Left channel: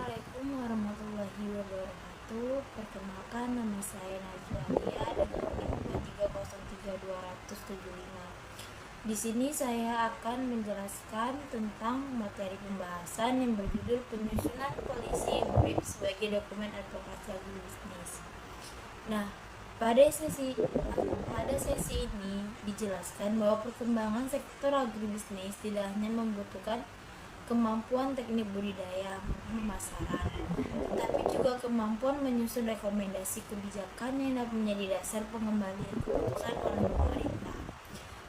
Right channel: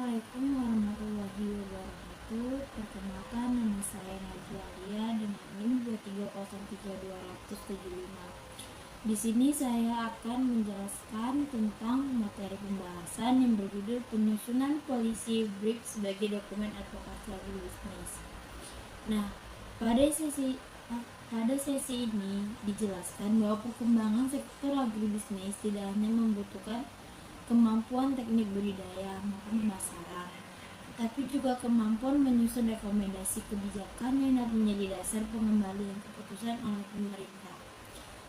Assalamualaikum warahmatullahi wabarakatuh. Perkenalkan, nama saya Najwa dengan NIM 2303275. Di sini saya akan menjelaskan tentang materi pembahasan yang berjudul penyusunan polisi brief sebagai dokumen advokasi agribisnis. Nah, pada sesi ini dijelaskan bahwa perkembangan sektor agribisnis tidak hanya membutuhkan kemampuan teknik budidaya maupun pemasaran, tapi juga kemampuan menyusun rekomendasi kebijakan yang dapat menjadi dasar pengembalian keputusan oleh pemerintah,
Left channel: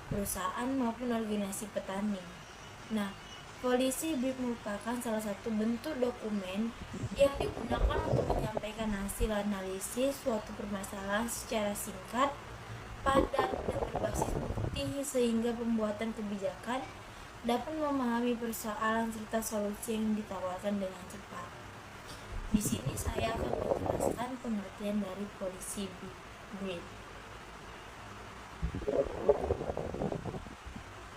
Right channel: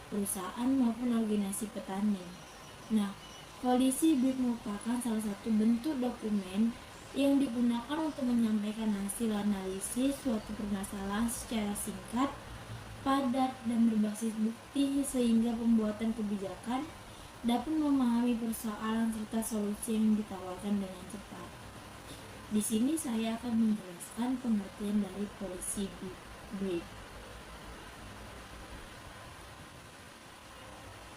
perusahaan maupun organisasi petani. Nah, polisi brief merupakan salah satu bentuk dokumen yang digunakan untuk menyampaikan hasil analisis suatu permasalahan secara singkat, padat, dan berbasis bukti sehingga pembuatan kebijakan dapat memahami persoalan serta solusi yang ditawarkan dengan cepat. Di sini saya akan menjelaskan pengertian dari polisi brief.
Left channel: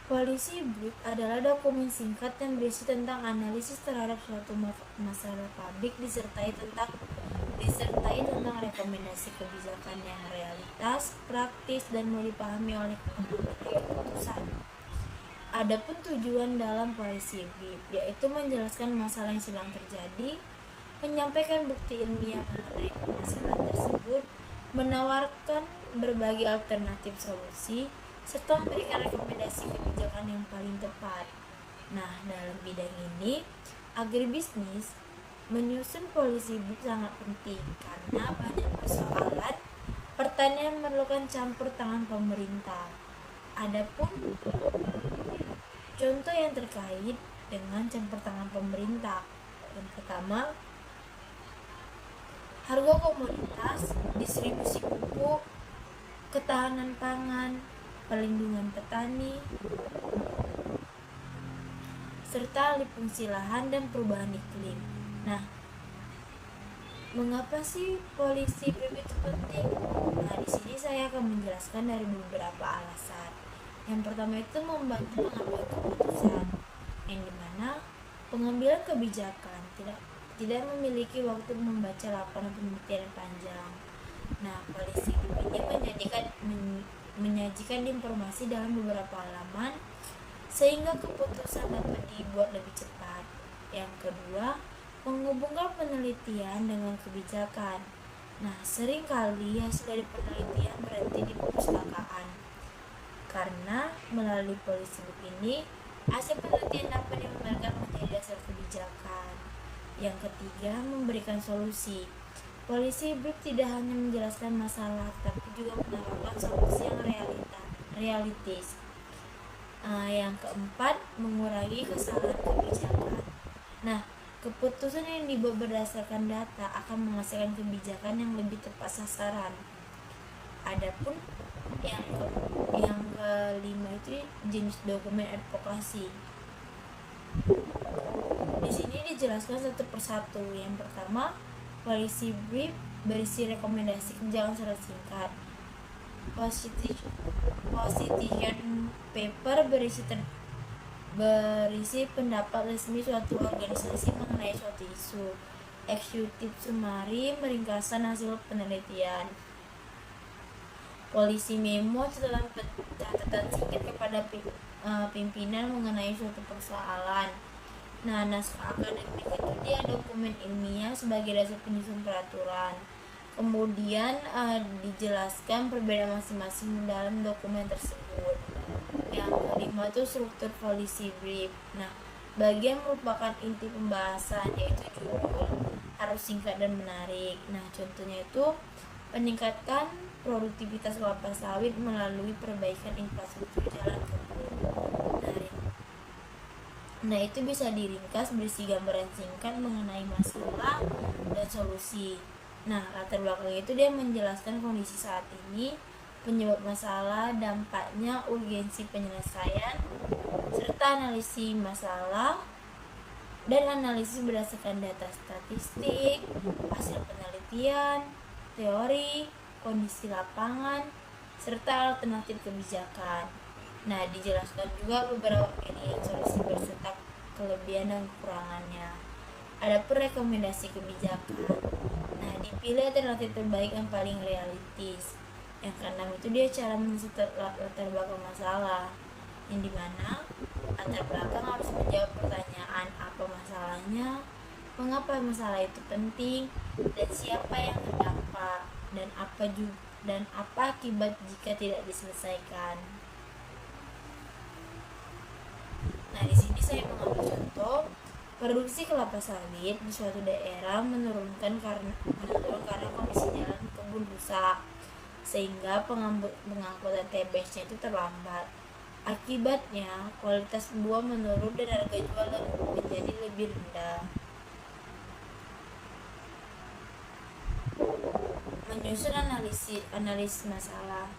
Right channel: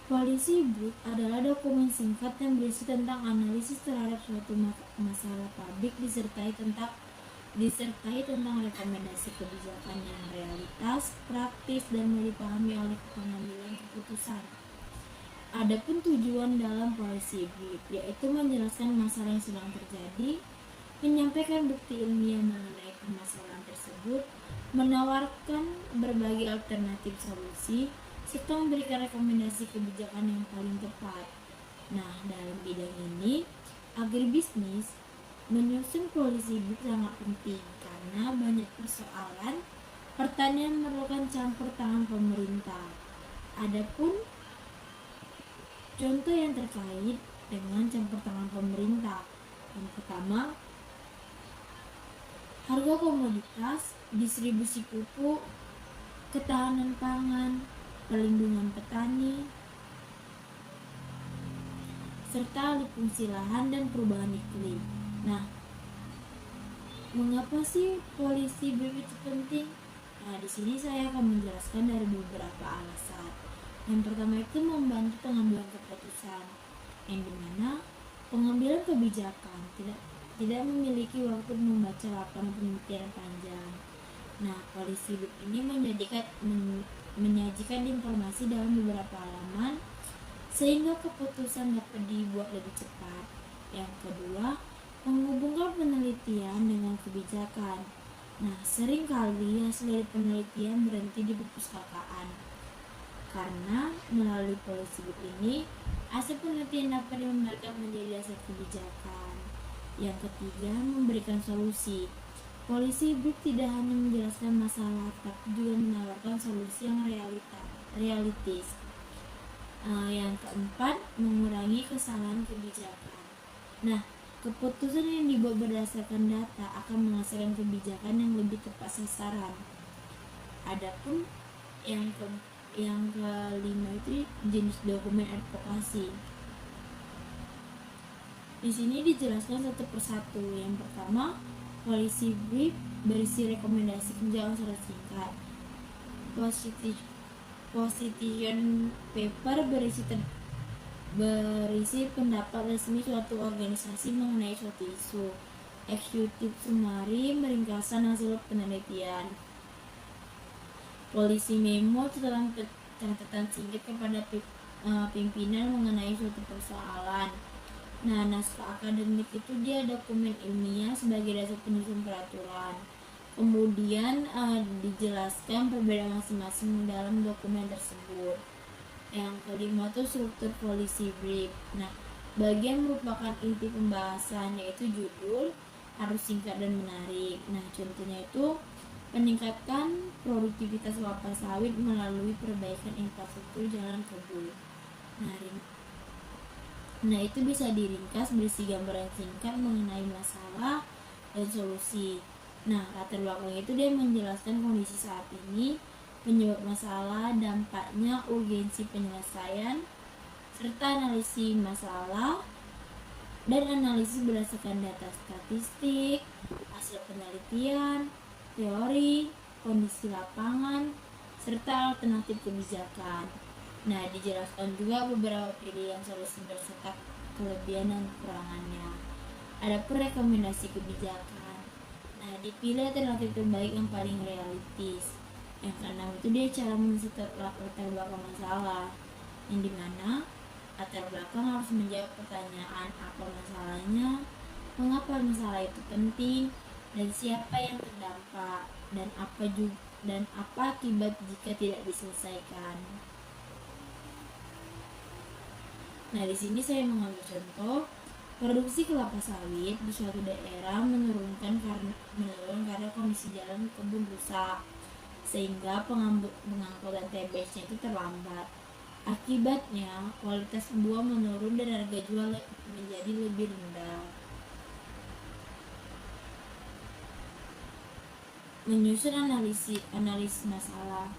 Polisi brief adalah dokumen singkat yang berisi tentang analisis terhadap suatu masalah publik disertai tentang rekomendasi kebijakan yang realitas, praktis, dan mau dipahami oleh pengambil keputusan. Adapun tujuan dalam polisi brief yaitu menjelaskan masalah yang sedang terjadi, menyampaikan bukti ilmiah mengenai permasalahan tersebut, menawarkan berbagai alternatif solusi, serta memberikan rekomendasi kebijakan yang paling tepat. Nah, dalam bidang ini, agribisnis menyusun polisi brief sangat penting karena banyak persoalan pertanian memerlukan campur tangan pemerintah. Adapun contoh yang terkait dengan campur tangan pemerintah, yang pertama, harga komoditas, distribusi pupuk, ketahanan pangan, perlindungan petani, serta alih fungsi lahan dan perubahan iklim. Nah, mengapa sih polisi brief itu penting? Nah, di sini saya akan menjelaskan dari beberapa alasan. Yang pertama itu membantu pengambilan keputusan, yang dimana pengambilan kebijakan tidak memiliki waktu membaca laporan penelitian panjang. Nah, polisi brief ini menyajikan informasi dalam beberapa halaman sehingga keputusan dapat dibuat lebih cepat. Yang kedua, menghubungkan penelitian dengan kebijakan. Nah, seringkali hasil dari penelitian berhenti di perpustakaan. Karena melalui polisi brief ini, hasil penelitian dapat dikembangkan menjadi dasar kebijakan. Yang ketiga, memberikan solusi. Polisi brief tidak hanya menjelaskan masalah, tapi juga menawarkan solusi yang realistis. Yang keempat, mengurangi kesalahan kebijakan. Nah, keputusan yang dibuat berdasarkan data akan menghasilkan kebijakan yang lebih tepat sasaran. Adapun yang kelima itu jenis dokumen advokasi. Di sini dijelaskan satu persatu. Yang pertama, polisi brief berisi rekomendasi kebijakan secara singkat. Position paper berisi pendapat resmi suatu organisasi mengenai suatu isu. Executive summary meringkaskan hasil penelitian. Polisi memo catatan singkat kepada pimpinan mengenai suatu persoalan. Nah, naskah akademik itu dia dokumen ilmiah sebagai dasar penyusun peraturan. Kemudian dijelaskan perbedaan masing-masing dalam dokumen tersebut. Yang kelima itu struktur polisi brief. Nah, bagian merupakan inti pembahasan yaitu judul harus singkat dan menarik. Nah, contohnya itu meningkatkan produktivitas kelapa sawit melalui perbaikan infrastruktur jalan kebun. Nah, itu bisa diringkas berisi gambaran singkat mengenai masalah dan solusi. Nah, latar belakang itu dia menjelaskan kondisi saat ini, penyebab masalah, dampaknya, urgensi penyelesaian, serta analisis masalah dan analisis berdasarkan data statistik, hasil penelitian, teori, kondisi lapangan, serta alternatif kebijakan. Nah, dijelaskan juga beberapa pilihan solusi berserta kelebihan dan kekurangannya. Adapun rekomendasi kebijakan, nah dipilih alternatif terbaik yang paling realistis. Yang keenam itu dia cara mengisi latar belakang masalah, yang dimana latar belakang harus menjawab pertanyaan apa masalahnya, mengapa masalah itu penting, dan siapa yang terdampak, dan apa akibat jika tidak diselesaikan. Nah, di sini saya mengambil contoh produksi kelapa sawit di suatu daerah menurun karena kondisi jalan kebun rusak, sehingga pengangkutan TBS-nya itu terlambat. Akibatnya kualitas buah menurun dan harga jual menjadi lebih rendah. Menyusun analisis masalah.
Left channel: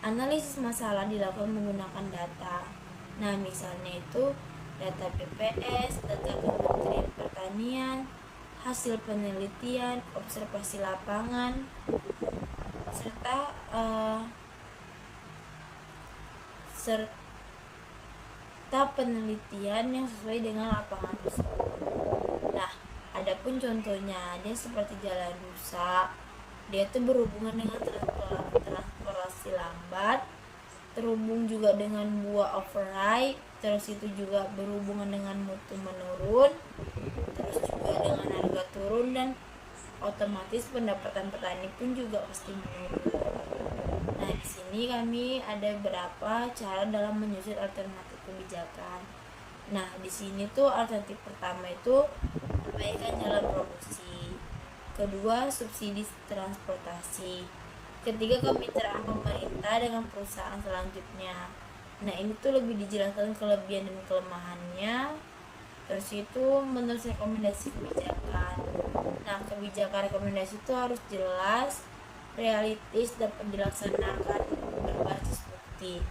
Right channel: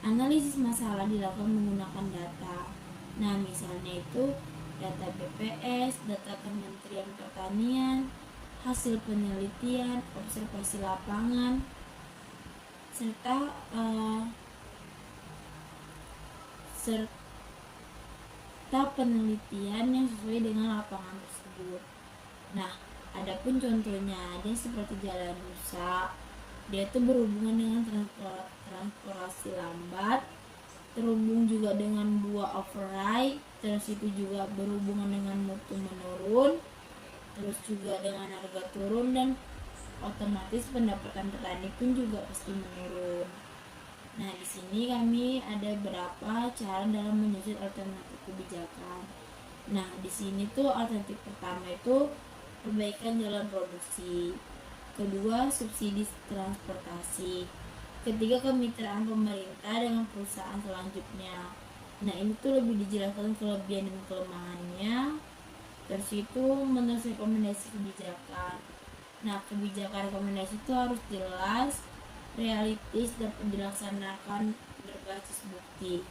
Analisis masalah dilakukan menggunakan data. Nah, misalnya itu data BPS, data Kementerian Pertanian, hasil penelitian, observasi lapangan, serta penelitian yang sesuai dengan lapangan tersebut. Nah, adapun contohnya dia seperti jalan rusak, dia itu berhubungan dengan transportasi lambat, terhubung juga dengan buah overripe, terus itu juga berhubungan dengan mutu menurun, terus juga dengan harga turun, dan otomatis pendapatan petani pun juga pasti menurun. Nah, di sini kami ada beberapa cara dalam menyusun alternatif kebijakan. Nah, di sini tuh alternatif pertama itu perbaikan jalan produksi, kedua subsidi transportasi, ketiga kemitraan pemerintah dengan perusahaan selanjutnya. Nah, ini tuh lebih dijelaskan kelebihan dan kelemahannya. Terus itu menurut rekomendasi kebijakan. Nah, kebijakan rekomendasi itu harus jelas, realistis, dan dilaksanakan berbasis bukti.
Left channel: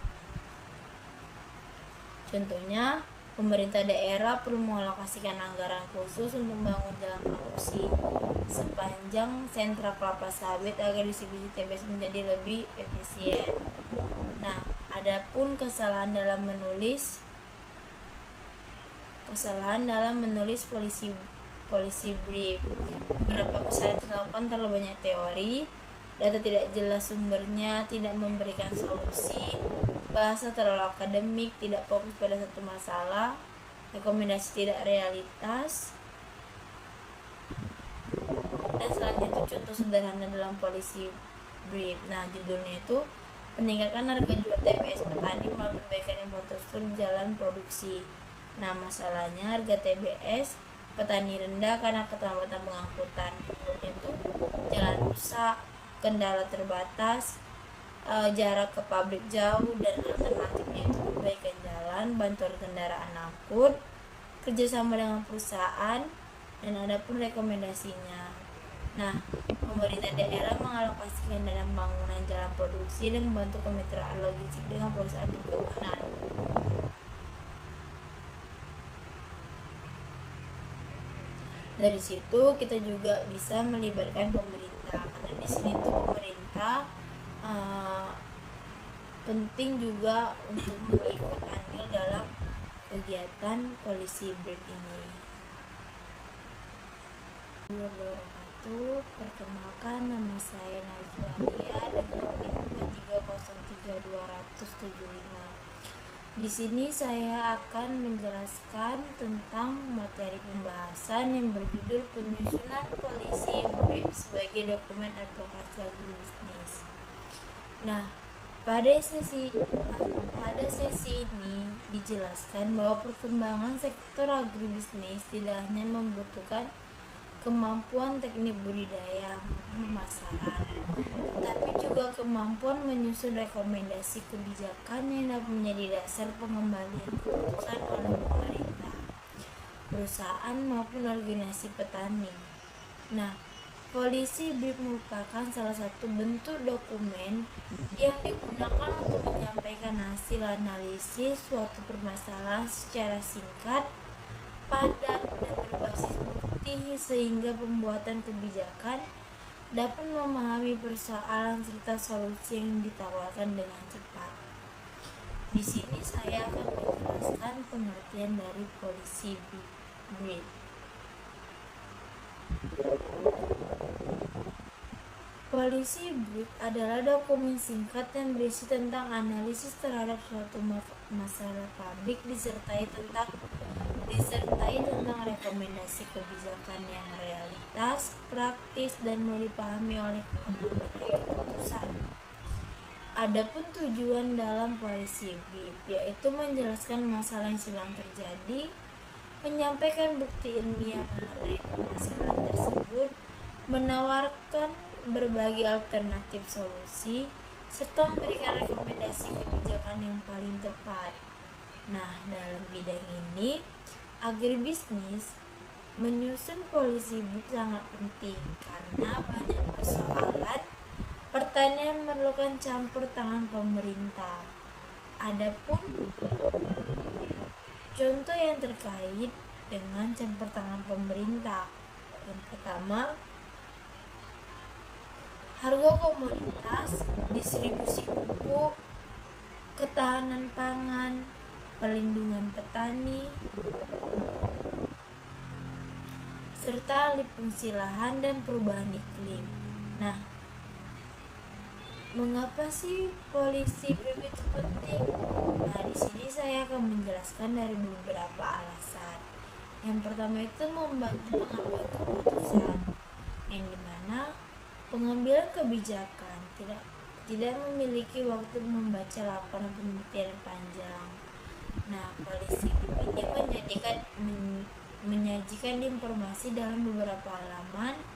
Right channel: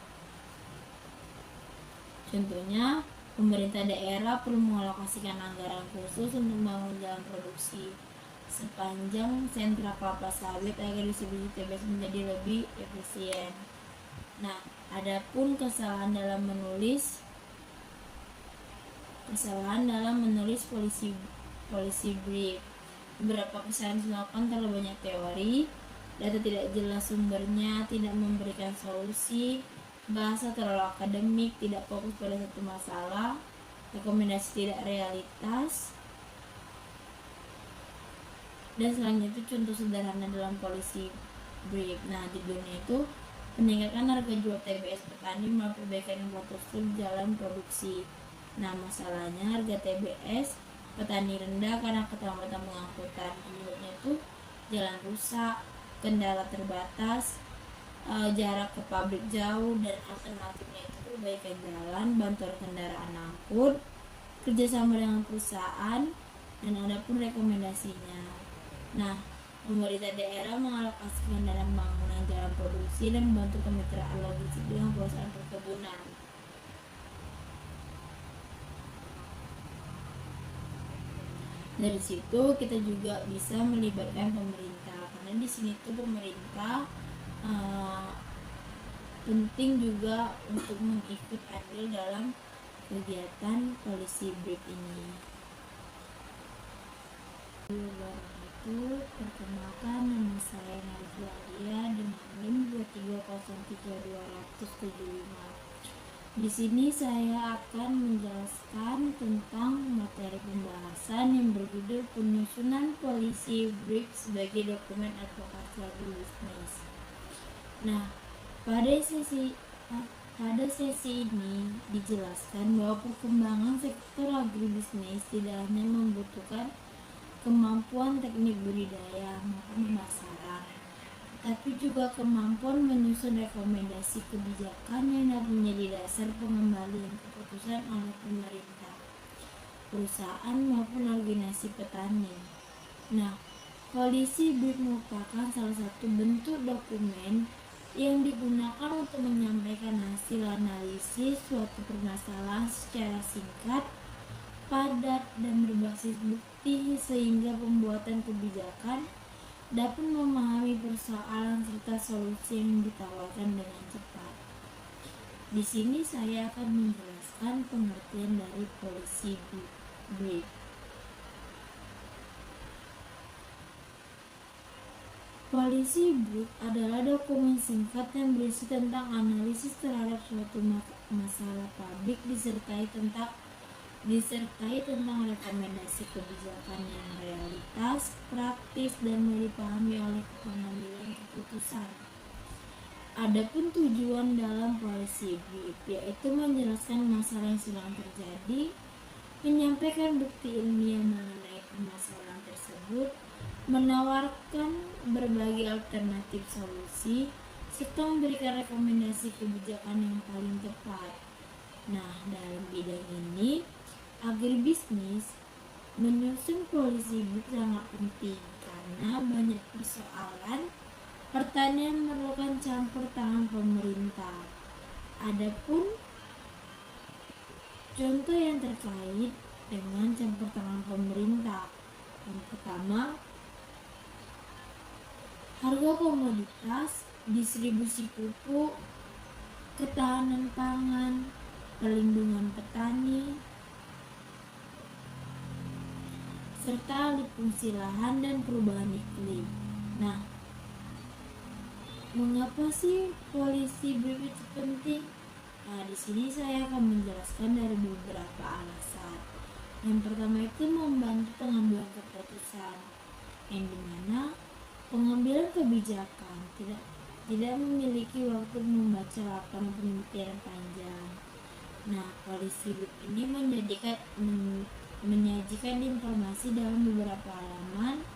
Contohnya, pemerintah daerah perlu mengalokasikan anggaran khusus untuk membangun jalan produksi sepanjang sentra kelapa sawit agar distribusi TBS menjadi lebih efisien. Nah, adapun kesalahan dalam menulis polisi brief. Beberapa kesalahan dilakukan terlalu banyak teori, data tidak jelas sumbernya, tidak memberikan solusi, bahasa terlalu akademik, tidak fokus pada satu masalah, rekomendasi tidak realitas. Dan selanjutnya contoh sederhana dalam polisi brief. Nah, judulnya itu peningkatan harga jual TBS petani melalui perbaikan infrastruktur jalan produksi. Nah, masalahnya harga TBS petani rendah karena keterlambatan pengangkutan. Judulnya itu jalan rusak, kendala terbatas, jarak ke pabrik jauh, dan alternatifnya itu perbaikan jalan, bantuan kendaraan angkut, kerjasama dengan perusahaan, dan adapun rekomendasinya. Nah, pemerintah daerah mengalokasikan dana pembangunan jalan produksi dan membantu kemitraan logistik dengan perusahaan perkebunan. Dari situ kita juga bisa melibatkan pemerintah, karena di sini tuh pemerintah penting juga untuk mengikut andil dalam kegiatan polisi brief ini. Perkenalkan, nama saya Najwa dengan NIM 2303275. Di sini saya akan menjelaskan tentang materi pembahasan yang berjudul penyusunan polisi brief sebagai dokumen advokasi agribisnis. Nah, pada sesi ini dijelaskan bahwa perkembangan sektor agribisnis tidak hanya membutuhkan kemampuan teknik budidaya maupun pemasaran, tapi juga kemampuan menyusun rekomendasi kebijakan yang dapat menjadi dasar pengembalian keputusan oleh pemerintah, perusahaan maupun organisasi petani. Nah, polisi brief merupakan salah satu bentuk dokumen yang digunakan untuk menyampaikan hasil analisis suatu permasalahan secara singkat, padat, dan berbasis bukti, sehingga pembuatan kebijakan dapat memahami persoalan serta solusi yang ditawarkan dengan cepat. Di sini saya akan menjelaskan pengertian dari polisi brief. Policy brief adalah dokumen singkat yang berisi tentang analisis terhadap suatu masalah publik disertai tentang rekomendasi kebijakan yang realitas, praktis, dan mau dipahami oleh pengambil keputusan. Adapun tujuan dalam policy brief yaitu menjelaskan masalah yang sedang terjadi, menyampaikan bukti ilmiah mengenai permasalahan tersebut, menawarkan berbagai alternatif solusi, serta memberikan rekomendasi kebijakan yang paling tepat. Nah, dalam bidang ini, agribisnis menyusun policy brief sangat penting karena banyak persoalan pertanian memerlukan campur tangan pemerintah. Adapun contoh yang terkait dengan campur tangan pemerintah, yang pertama, harga komoditas, distribusi pupuk, ketahanan pangan, perlindungan petani, serta alih fungsi lahan dan perubahan iklim. Nah, mengapa sih policy brief itu penting? Nah, di sini saya akan menjelaskan dari beberapa alasan. Yang pertama itu membantu pengambilan keputusan, yang dimana pengambilan kebijakan tidak memiliki waktu membaca laporan penelitian panjang. Nah, policy brief ini menyajikan informasi dalam beberapa halaman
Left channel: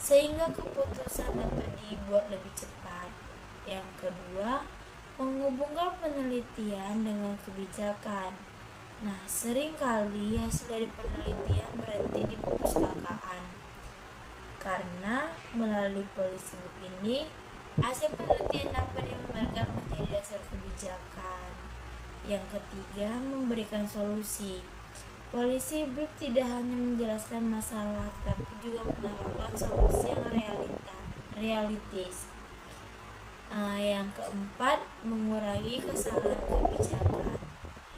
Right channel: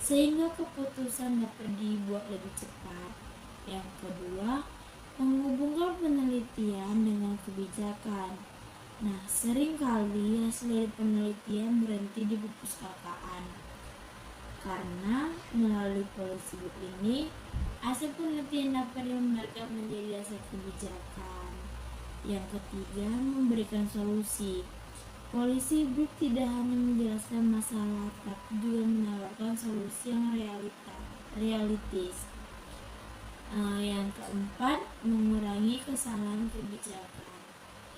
sehingga keputusan dapat dibuat lebih cepat. Yang kedua, menghubungkan penelitian dengan kebijakan. Nah, seringkali hasil dari penelitian berhenti di perpustakaan. Karena melalui policy brief ini, hasil penelitian dapat digambarkan menjadi dasar kebijakan. Yang ketiga, memberikan solusi. Policy brief tidak hanya menjelaskan masalah, tapi juga menawarkan solusi yang realistis. Yang keempat, mengurangi kesalahan kebijakan.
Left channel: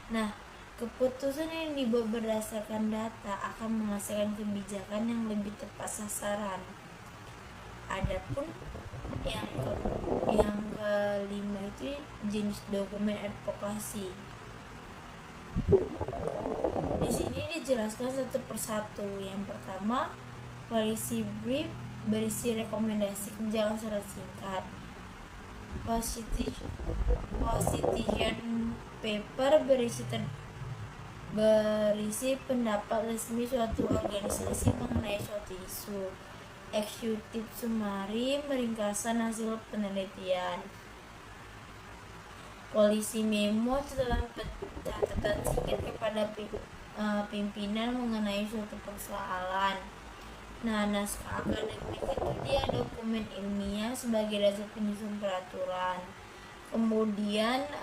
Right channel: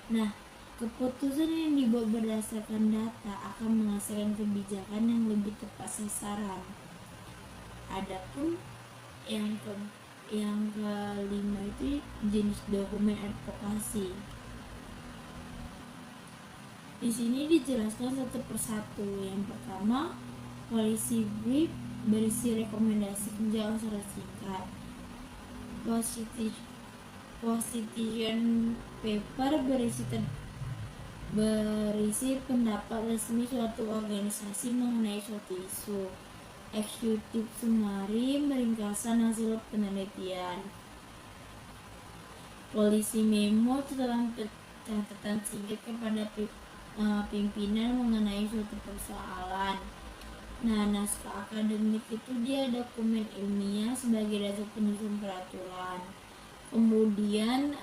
Nah, keputusan yang dibuat berdasarkan data akan menghasilkan kebijakan yang lebih tepat sasaran. Adapun yang kelima itu jenis dokumen advokasi. Di sini dijelaskan satu persatu. Yang pertama, policy brief berisi rekomendasi kebijakan secara singkat. Position paper berisi pendapat resmi suatu organisasi mengenai suatu isu. Executive summary meringkasan hasil penelitian. Policy memo catatan singkat kepada pimpinan mengenai suatu persoalan. Nah, naskah akademik itu dia dokumen ilmiah sebagai dasar penyusun peraturan. Kemudian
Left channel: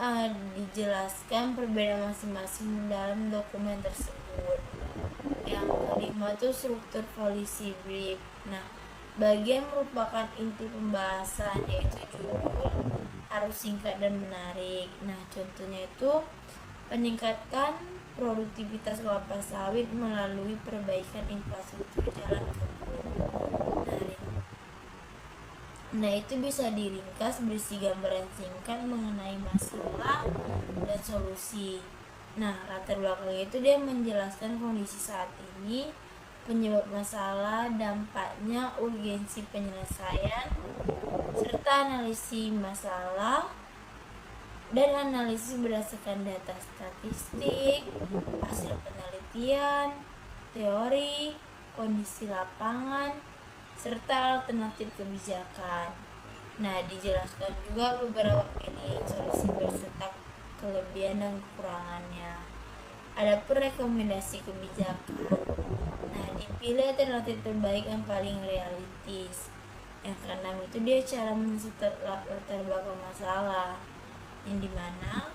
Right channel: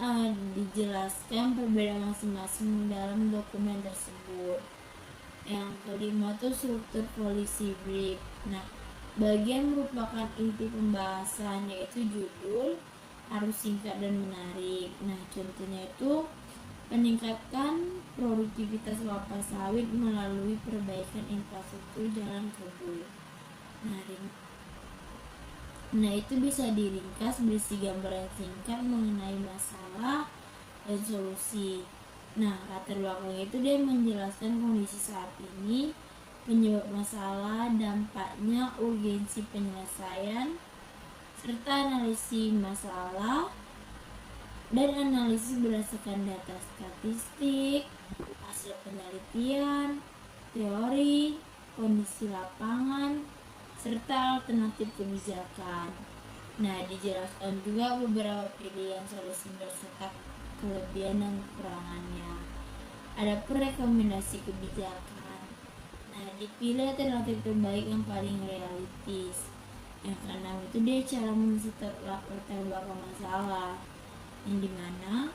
dijelaskan perbedaan masing-masing dalam dokumen tersebut. Yang kelima itu struktur policy brief. Nah, bagian merupakan inti pembahasan, yaitu judul harus singkat dan menarik. Nah, contohnya itu meningkatkan produktivitas kelapa sawit melalui perbaikan infrastruktur jalan kebun. Nah, itu bisa diringkas berisi gambaran singkat mengenai masalah dan solusi. Nah, latar belakang itu dia menjelaskan kondisi saat ini, penyebab masalah, dampaknya, urgensi penyelesaian, serta analisis masalah dan analisis berdasarkan data statistik, hasil penelitian, teori, kondisi lapangan, serta alternatif kebijakan. Nah, dijelaskan juga beberapa pilihan solusi beserta kelebihan dan kekurangannya. Adapun rekomendasi kebijakan. Nah, dipilih alternatif terbaik yang paling realistis. Yang keenam itu dia cara men-set latar belakang masalah, yang dimana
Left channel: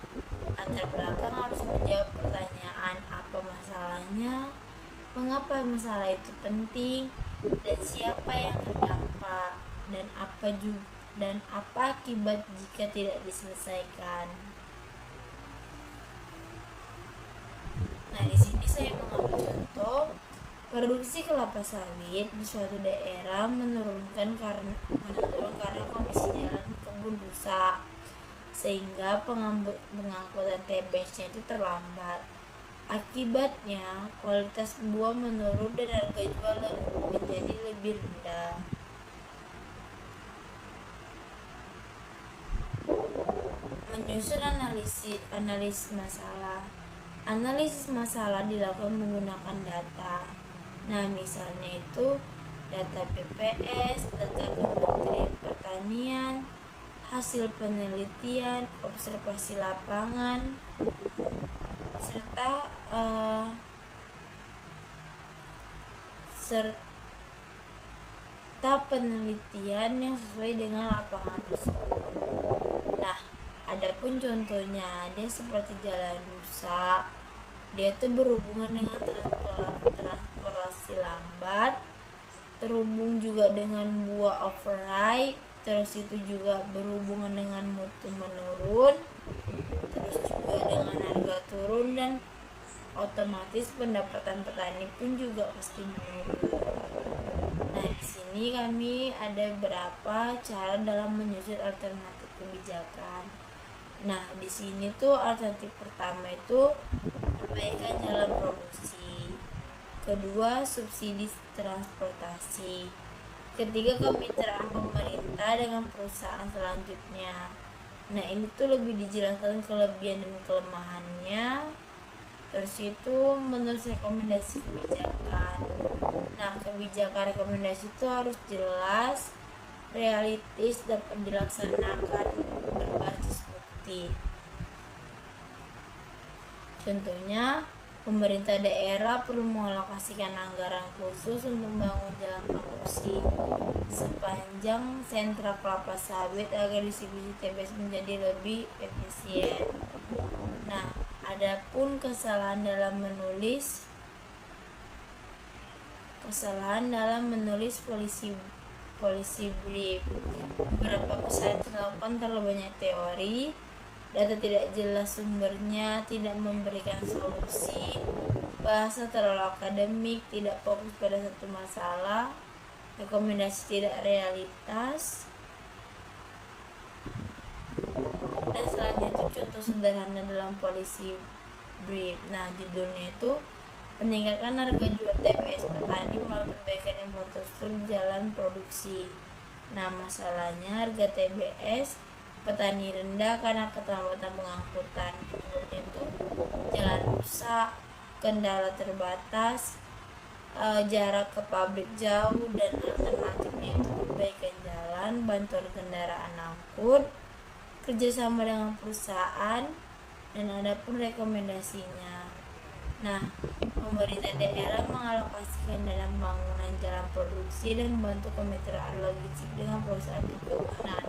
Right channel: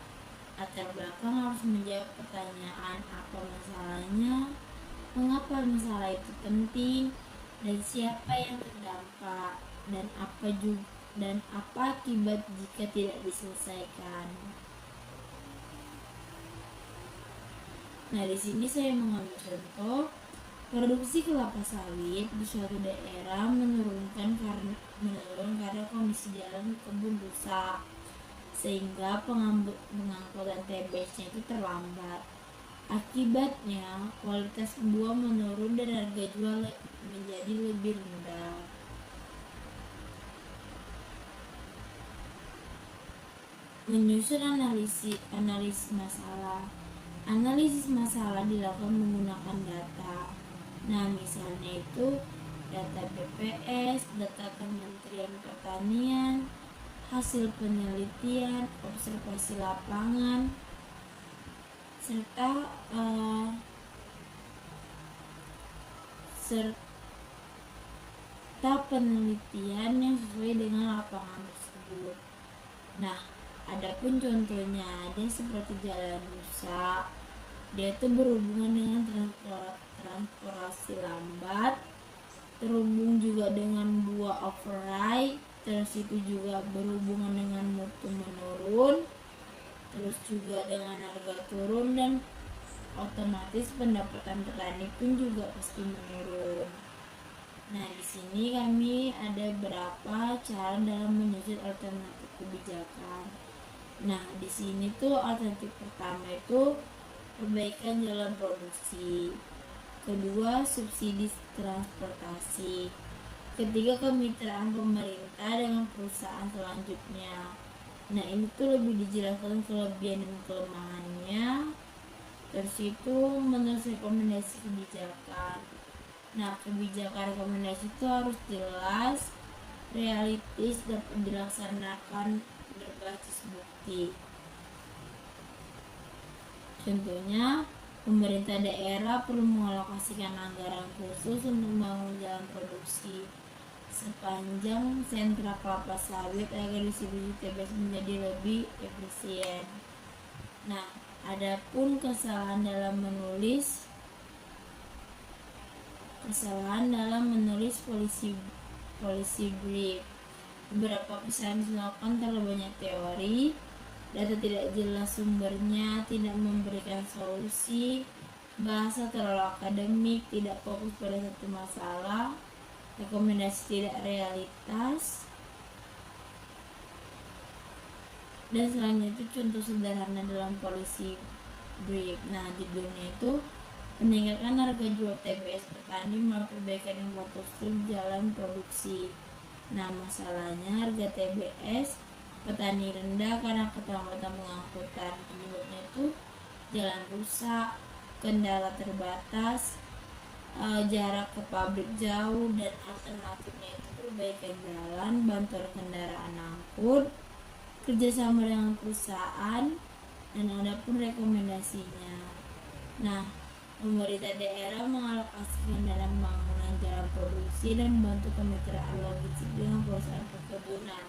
latar belakang harus menjawab pertanyaan apa masalahnya, mengapa masalah itu penting, dan siapa yang terdampak, dan apa akibat jika tidak diselesaikan. Nah, di sini saya mengambil contoh Produksi kelapa sawit di suatu daerah menurun karena kondisi jalan kebun rusak, sehingga pengangkutan TBS-nya itu terlambat. Akibatnya kualitas buah menurun dan harga jual menjadi lebih rendah. Menyusun analisis masalah. Analisis masalah dilakukan menggunakan data. Nah, misalnya itu data BPS, data Kementerian Pertanian, hasil penelitian, observasi lapangan, serta penelitian yang sesuai dengan lapangan tersebut. Nah, adapun contohnya dia seperti jalan rusak, dia itu berhubungan dengan transportasi lambat, terhubung juga dengan buah overripe, terus itu juga berhubungan dengan mutu menurun, terus juga dengan harga turun, dan otomatis pendapatan petani pun juga pasti menurun. Nah, di sini kami ada beberapa cara dalam menyusun alternatif kebijakan. Nah, di sini tuh alternatif pertama itu perbaikan jalan produksi. Kedua, subsidi transportasi. Ketiga, kemitraan pemerintah dengan perusahaan selanjutnya. Nah, ini tuh lebih dijelaskan kelebihan dan kelemahannya. Terus itu menurut rekomendasi kebijakan. Nah, kebijakan rekomendasi itu harus jelas, realistis, dan dilaksanakan berbasis bukti. Contohnya, pemerintah daerah perlu mengalokasikan anggaran khusus untuk membangun jalan produksi sepanjang sentra kelapa sawit agar distribusi TBS menjadi lebih efisien. Nah, adapun kesalahan dalam menulis polisi brief. Beberapa kesalahan dilakukan terlalu banyak teori, data tidak jelas sumbernya, tidak memberikan solusi, bahasa terlalu akademik, tidak fokus pada satu masalah, rekomendasi tidak realitas. Dan selanjutnya itu contoh sederhana dalam polisi brief. Nah, judulnya itu meningkatkan harga jual TBS petani melalui perbaikan infrastruktur jalan produksi. Nah, masalahnya harga TBS petani rendah karena keterlambatan pengangkutan. Penyebabnya itu jalan rusak, kendala terbatas, jarak ke pabrik jauh, dan alternatifnya itu perbaikan jalan, bantuan kendaraan angkut, kerjasama dengan perusahaan, dan adapun rekomendasinya. Nah, pemerintah daerah mengalokasikan dana pembangunan jalan produksi dan membantu kemitraan logistik dengan perusahaan perkebunan.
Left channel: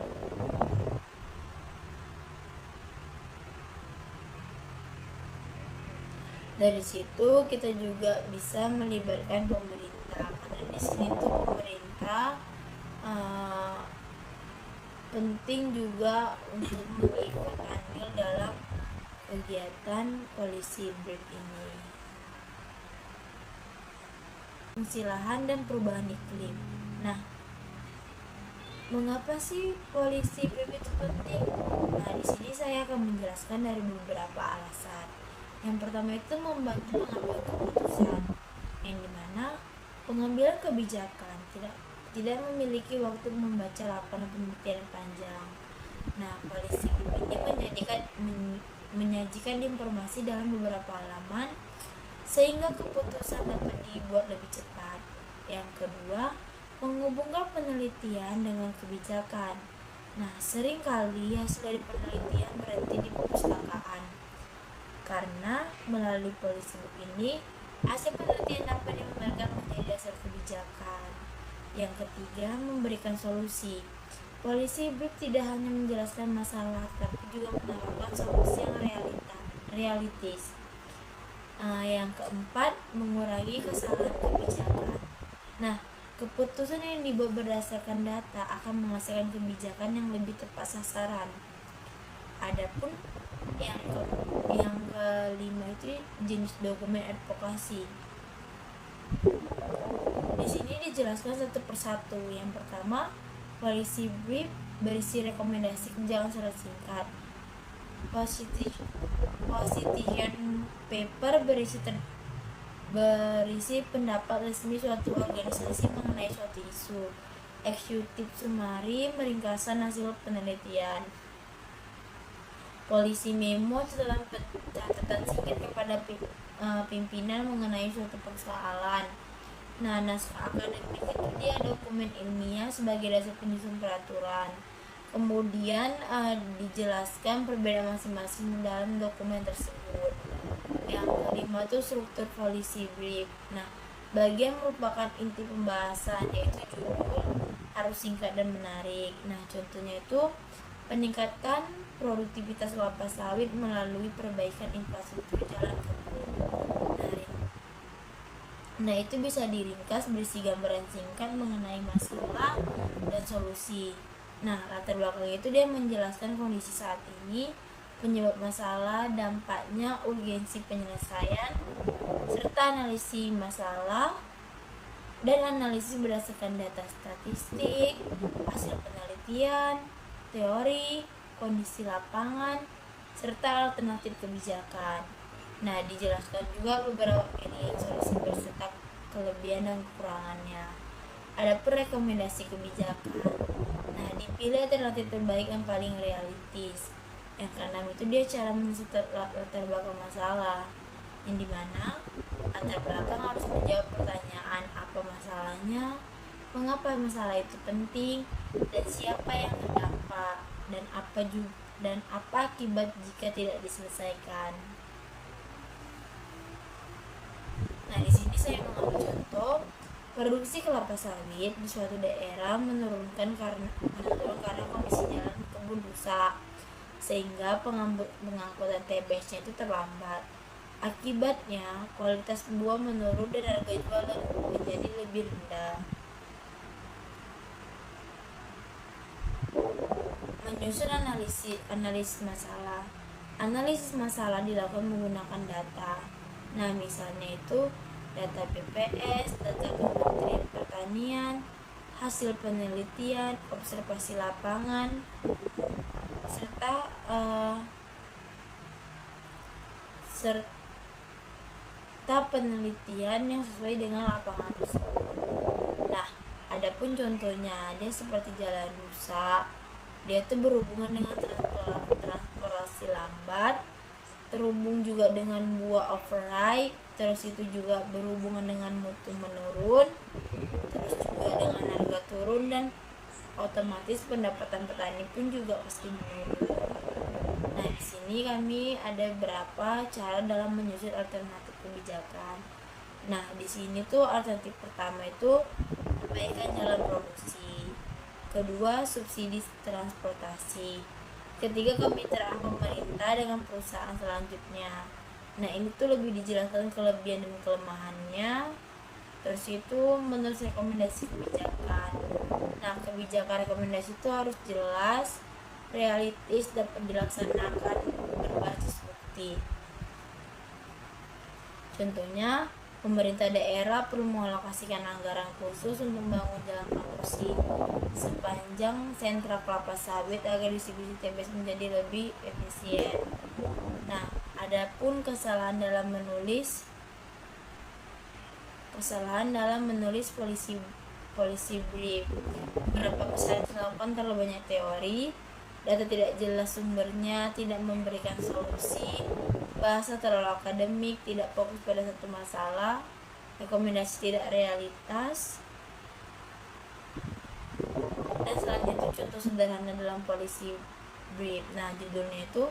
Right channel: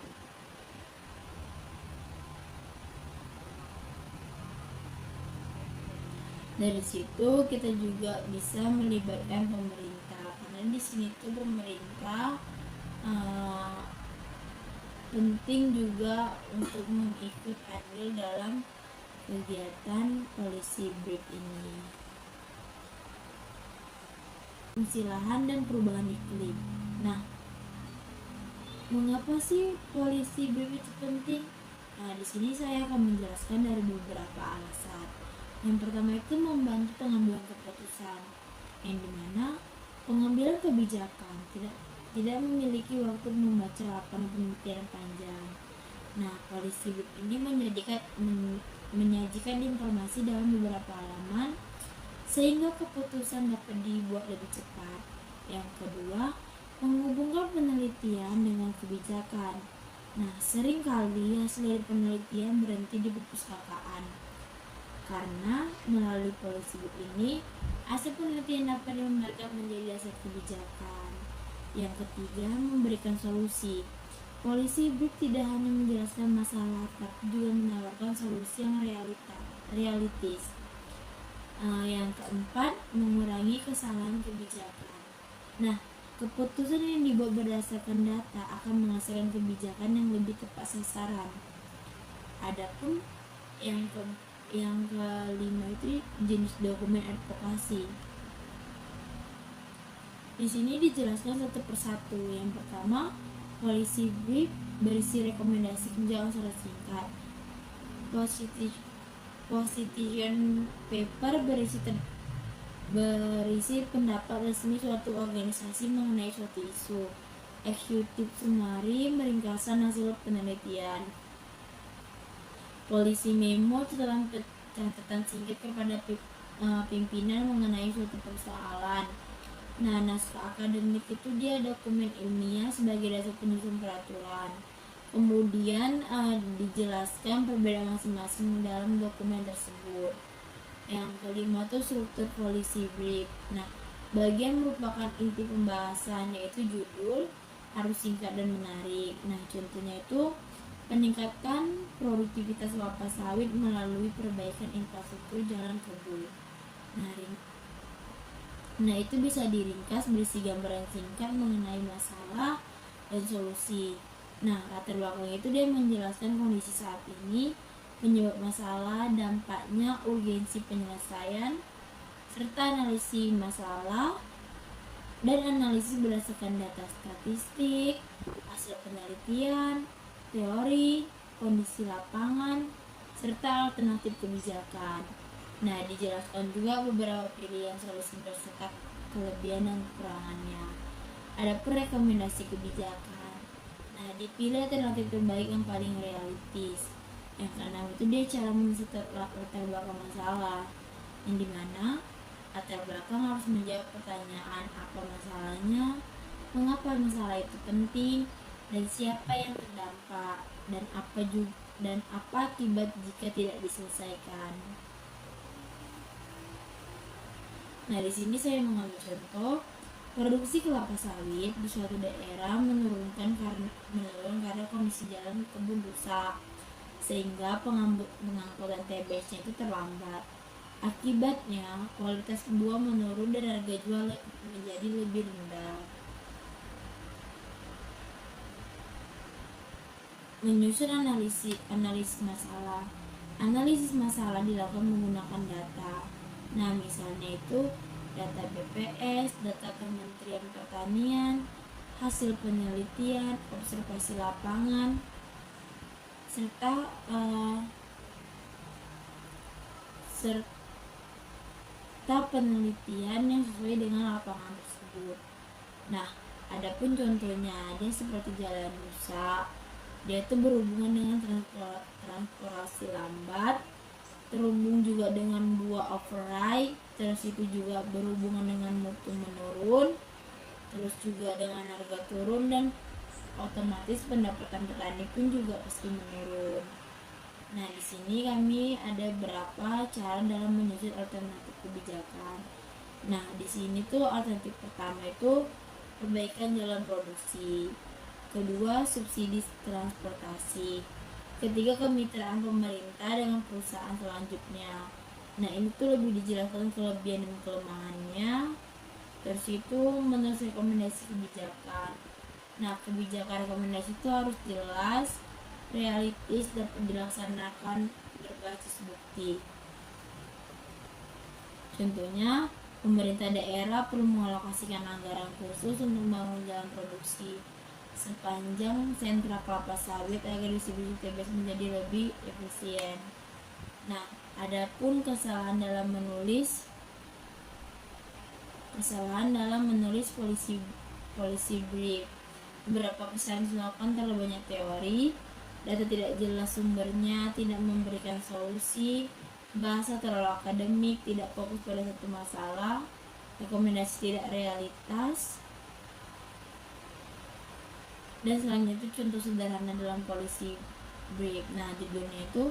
Dari situ kita juga bisa melibatkan pemerintah, karena di sini tuh pemerintah penting juga untuk mengikut andil dalam kegiatan polisi brief ini. Fungsi lahan dan perubahan iklim. Nah, mengapa sih polisi brief itu penting? Nah, di sini saya akan menjelaskan dari beberapa alasan. Yang pertama itu membantu pengambilan keputusan, yang dimana pengambilan kebijakan tidak memiliki waktu membaca laporan penelitian panjang. Nah, polisi brief ini menyajikan informasi dalam beberapa halaman sehingga keputusan dapat dibuat lebih cepat. Yang kedua, menghubungkan penelitian dengan kebijakan. Nah, seringkali hasil dari penelitian berhenti di perpustakaan. Karena melalui polisi brief ini, hasil penelitian dapat digambarkan menjadi dasar kebijakan. Yang ketiga, memberikan solusi. Polisi brief tidak hanya menjelaskan masalah, tapi juga menawarkan solusi yang realistis. Yang keempat, mengurangi kesalahan kebijakan. Nah, keputusan yang dibuat berdasarkan data akan menghasilkan kebijakan yang lebih tepat sasaran. Adapun yang kelima itu jenis dokumen advokasi. Di sini dijelaskan satu persatu. Yang pertama, policy brief berisi rekomendasi kebijakan secara singkat. Position paper berisi pendapat resmi suatu organisasi mengenai suatu isu. Executive summary meringkasan hasil penelitian. Policy memo catatan singkat kepada pimpinan mengenai suatu persoalan. Nah, naskah akademik itu dia dokumen ilmiah sebagai dasar penyusun peraturan. Kemudian dijelaskan perbedaan masing-masing dalam dokumen tersebut. Yang kelima itu struktur policy brief. Nah, bagian merupakan inti pembahasan, yaitu judul harus singkat dan menarik. Nah, contohnya itu meningkatkan produktivitas kelapa sawit melalui perbaikan infrastruktur jalan kebun. Nah, itu bisa diringkas berisi gambaran singkat mengenai masalah dan solusi. Nah, latar belakang itu dia menjelaskan kondisi saat ini, penyebab masalah, dampaknya, urgensi penyelesaian, serta analisis masalah dan analisis berdasarkan data statistik, hasil penelitian, teori, kondisi lapangan, serta alternatif kebijakan. Nah, dijelaskan juga beberapa pilihan solusi beserta kelebihan dan kekurangannya. Ada pun rekomendasi kebijakan. Nah, dipilih alternatif terbaik yang paling realistis. Yang keenam itu dia cara menyelesaikan latar belakang masalah, yang dimana latar belakang harus menjawab pertanyaan apa masalahnya, mengapa masalah itu penting, dan siapa yang terdampak, dan apa akibat jika tidak diselesaikan. Nah, di sini saya mengambil contoh produksi kelapa sawit di suatu daerah menurun karena kondisi jalan kebun rusak, sehingga pengangkutan TBS-nya itu terlambat. Akibatnya kualitas buah menurun dan harga jual menjadi lebih rendah. Menyusun analisis masalah. Analisis masalah dilakukan menggunakan data. Nah, misalnya itu data BPS, data Kementerian Pertanian, hasil penelitian, observasi lapangan, serta penelitian yang sesuai dengan lapangan tersebut. Nah, adapun contohnya dia seperti jalan rusak, dia itu berhubungan dengan transportasi lambat, terhubung juga dengan buah overripe, terus itu juga berhubungan dengan mutu menurun, terus juga dengan harga turun, dan otomatis pendapatan petani pun juga pasti menurun. Nah, di sini kami ada beberapa cara dalam menyusun alternatif kebijakan. Nah, di sini tuh alternatif pertama itu perbaikan jalan produksi, kedua subsidi transportasi, ketiga kemitraan pemerintah dengan perusahaan selanjutnya. Nah, ini tuh lebih dijelaskan kelebihan dan kelemahannya. Terus itu menurut rekomendasi kebijakan. Nah, kebijakan rekomendasi itu harus jelas, realistis, dapat dilaksanakan berbasis bukti. Contohnya, pemerintah daerah perlu mengalokasikan anggaran khusus untuk membangun jalan produksi sepanjang sentra kelapa sawit agar distribusi TBS menjadi lebih efisien. Nah, adapun kesalahan dalam menulis policy brief. Beberapa kesalahan dilakukan terlalu banyak teori, data tidak jelas sumbernya, tidak memberikan solusi, bahasa terlalu akademik, tidak fokus pada satu masalah, rekomendasi tidak realitas. Dan selanjutnya contoh sederhana dalam policy brief. Nah, judulnya itu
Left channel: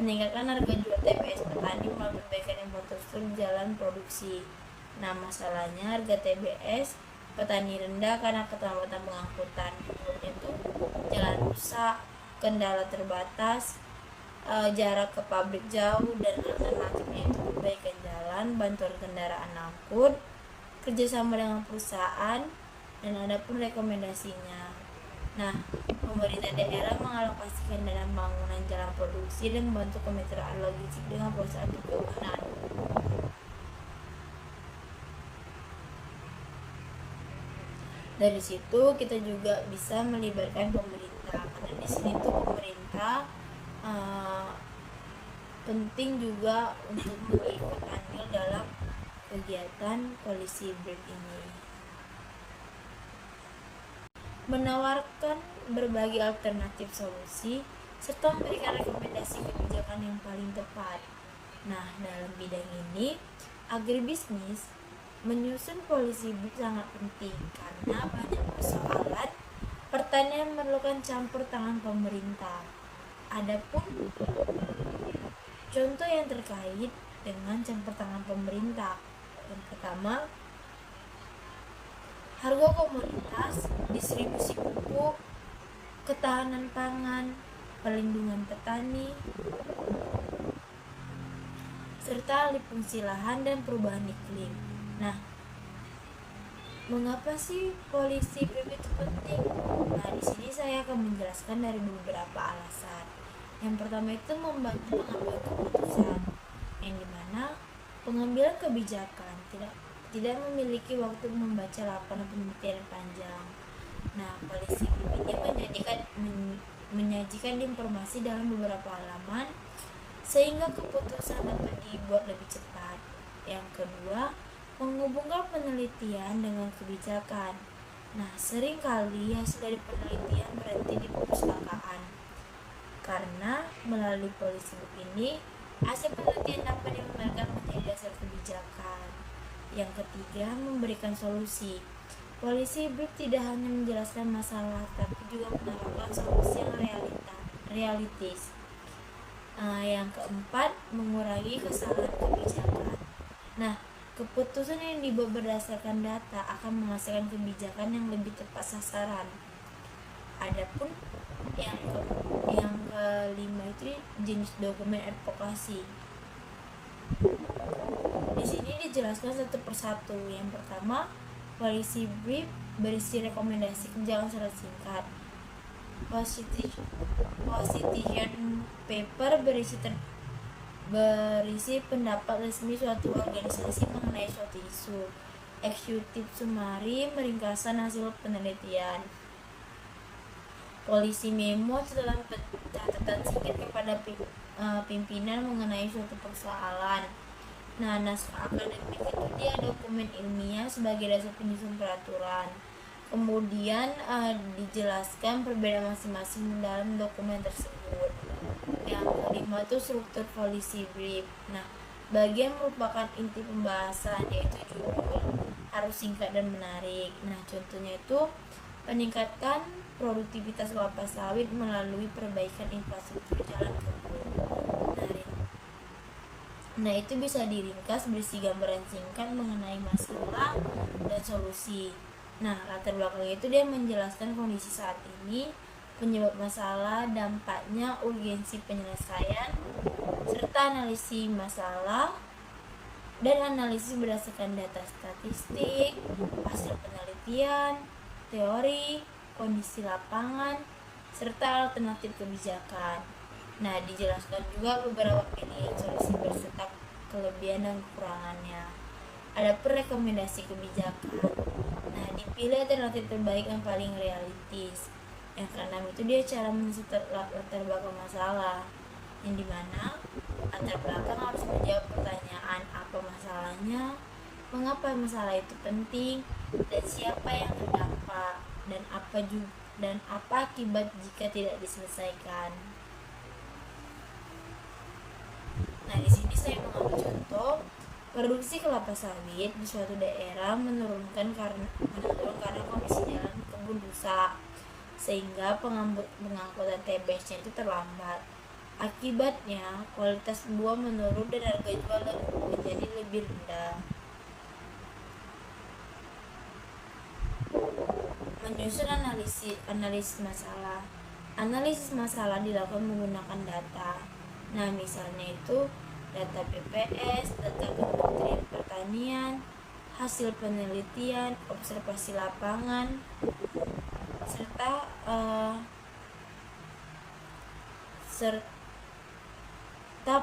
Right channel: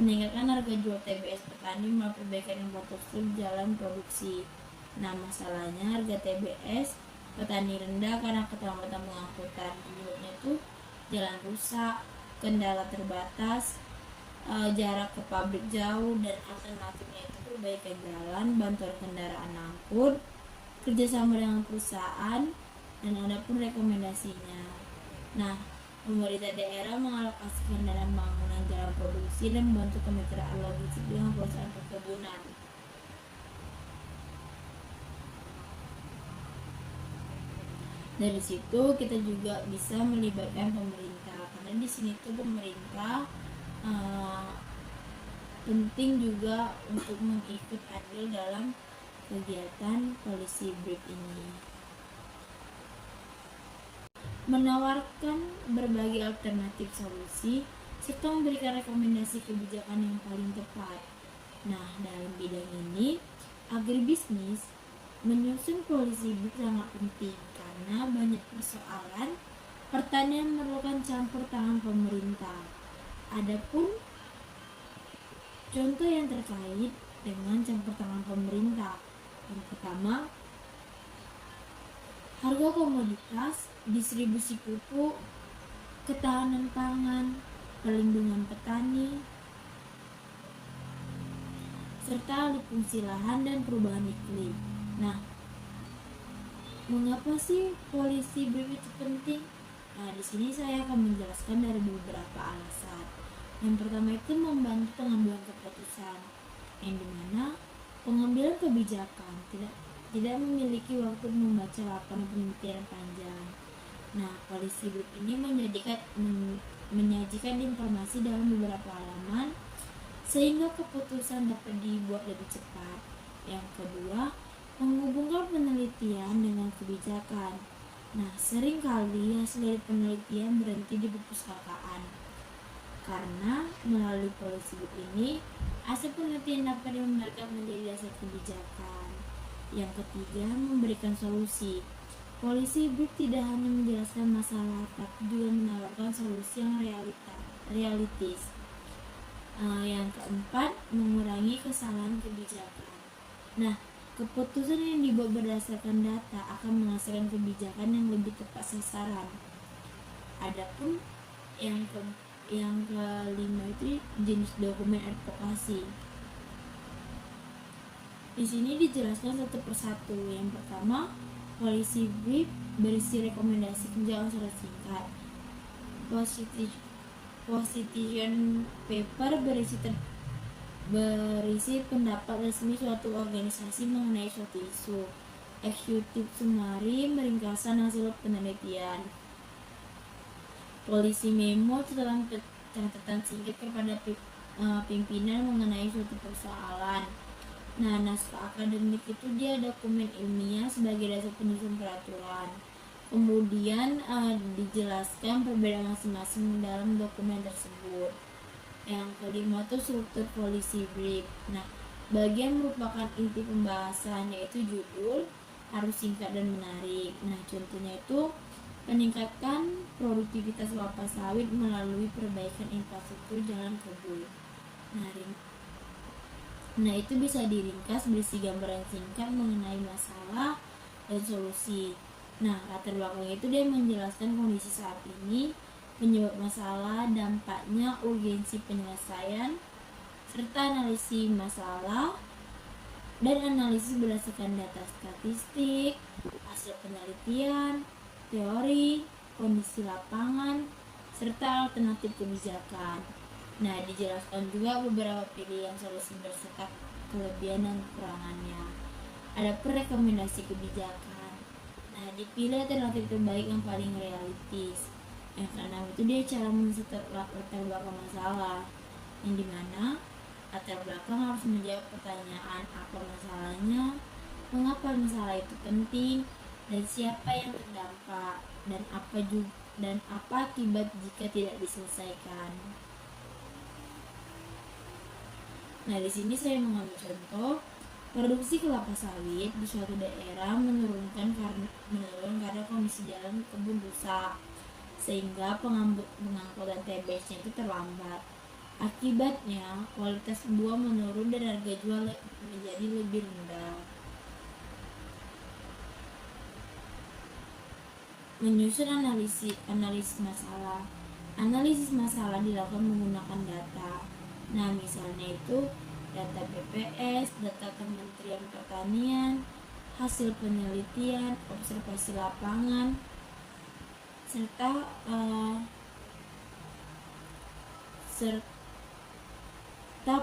meningkatkan harga jual TBS petani melalui perbaikan infrastruktur jalan produksi. Nah, masalahnya harga TBS petani rendah karena keterlambatan pengangkutan. Penyebabnya itu jalan rusak, kendala terbatas, jarak ke pabrik jauh, dan alternatifnya itu perbaikan jalan, bantuan kendaraan angkut, kerjasama dengan perusahaan, dan adapun rekomendasinya. Nah, pemerintah daerah mengalokasikan dana pembangunan jalan produksi dan membantu kemitraan logistik dengan perusahaan perkebunan. Dari situ kita juga bisa melibatkan pemerintah, karena di sini tuh pemerintah penting juga untuk mengikut andil dalam kegiatan polisi brief ini. Menawarkan berbagai alternatif solusi serta memberikan rekomendasi kebijakan yang paling tepat. Nah, dalam bidang ini, agribisnis menyusun polisi brief sangat penting karena banyak persoalan pertanian memerlukan campur tangan pemerintah. Adapun contoh yang terkait dengan campur tangan pemerintah, yang pertama, harga komoditas, distribusi pupuk, ketahanan pangan, perlindungan petani, serta alih fungsi lahan dan perubahan iklim. Nah, mengapa sih polisi brief itu penting? Nah, di sini saya akan menjelaskan dari beberapa alasan. Yang pertama itu membantu pengambilan keputusan, yang dimana pengambilan kebijakan tidak memiliki waktu membaca laporan penelitian panjang. Nah, polisi brief ini menyajikan informasi dalam beberapa halaman sehingga keputusan dapat dibuat lebih cepat. Yang kedua, menghubungkan penelitian dengan kebijakan. Nah, seringkali hasil dari penelitian berhenti di perpustakaan. Karena melalui polisi brief ini, hasil penelitian dapat digambarkan menjadi dasar kebijakan. Yang ketiga, memberikan solusi. Polisi brief tidak hanya menjelaskan masalah, tapi juga menawarkan solusi yang realistis. Yang keempat, mengurangi kesalahan kebijakan. Nah, keputusan yang dibuat berdasarkan data akan menghasilkan kebijakan yang lebih tepat sasaran. Adapun yang kelima itu jenis dokumen advokasi. Di sini dijelaskan satu persatu. Yang pertama, polisi brief berisi rekomendasi kebijakan secara singkat. Position paper berisi pendapat resmi suatu organisasi mengenai suatu isu. Executive summary meringkaskan hasil penelitian. Polisi memo catatan singkat kepada pimpinan mengenai suatu persoalan. Nah, naskah akademik itu dia dokumen ilmiah sebagai dasar penyusun peraturan. Kemudian dijelaskan perbedaan masing-masing dalam dokumen tersebut. Yang kelima itu struktur polisi brief. Nah, bagian merupakan inti pembahasan, yaitu judul harus singkat dan menarik. Nah, contohnya itu meningkatkan produktivitas kelapa sawit melalui perbaikan infrastruktur jalan kebun. Nah, itu bisa diringkas berisi gambaran singkat mengenai masalah dan solusi. Nah, latar belakang itu dia menjelaskan kondisi saat ini, penyebab masalah, dampaknya, urgensi penyelesaian, serta analisis masalah dan analisis berdasarkan data statistik, hasil penelitian, teori, kondisi lapangan, serta alternatif kebijakan. Nah, dijelaskan juga beberapa pilihan solusi berserta kelebihan dan kekurangannya. Ada rekomendasi kebijakan. Nah, dipilih alternatif terbaik yang paling realistis. Yang keenam itu dia cara mencetak latar belakang masalah, yang dimana latar belakang harus menjawab pertanyaan apa masalahnya, mengapa masalah itu penting, dan siapa yang terdampak, dan apa akibat jika tidak diselesaikan. Nah, di sini saya mengambil contoh produksi kelapa sawit di suatu daerah menurun karena kondisi jalan kebun rusak, sehingga pengangkutan TBS-nya itu terlambat. Akibatnya kualitas buah menurun dan harga jual menjadi lebih rendah. Menyusun analisis masalah. Analisis masalah dilakukan menggunakan data. Nah, misalnya itu data BPS, data Kementerian Pertanian, hasil penelitian, observasi lapangan, serta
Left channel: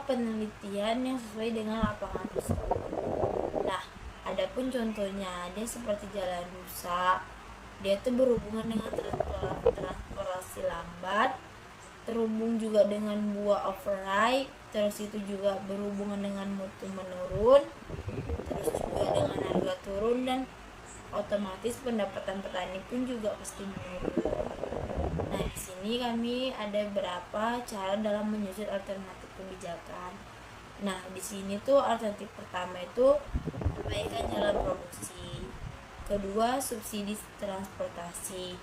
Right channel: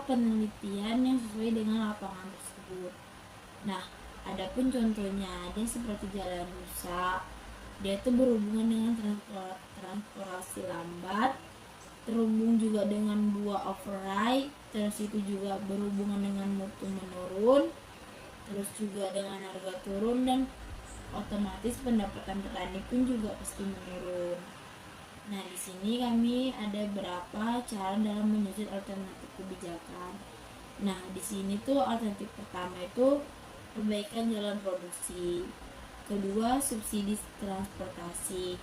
penelitian yang sesuai dengan lapangan tersebut. Nah, adapun contohnya ada seperti jalan rusak, Dia tuh berhubungan dengan transportasi lambat, terhubung juga dengan buah override, terus itu juga berhubungan dengan mutu menurun, terus juga dengan harga turun, dan otomatis pendapatan petani pun juga pasti menurun. Nah, di sini kami ada beberapa cara dalam menyusun alternatif kebijakan. Nah, di sini tuh alternatif pertama itu perbaikan jalan produksi. Kedua, subsidi transportasi.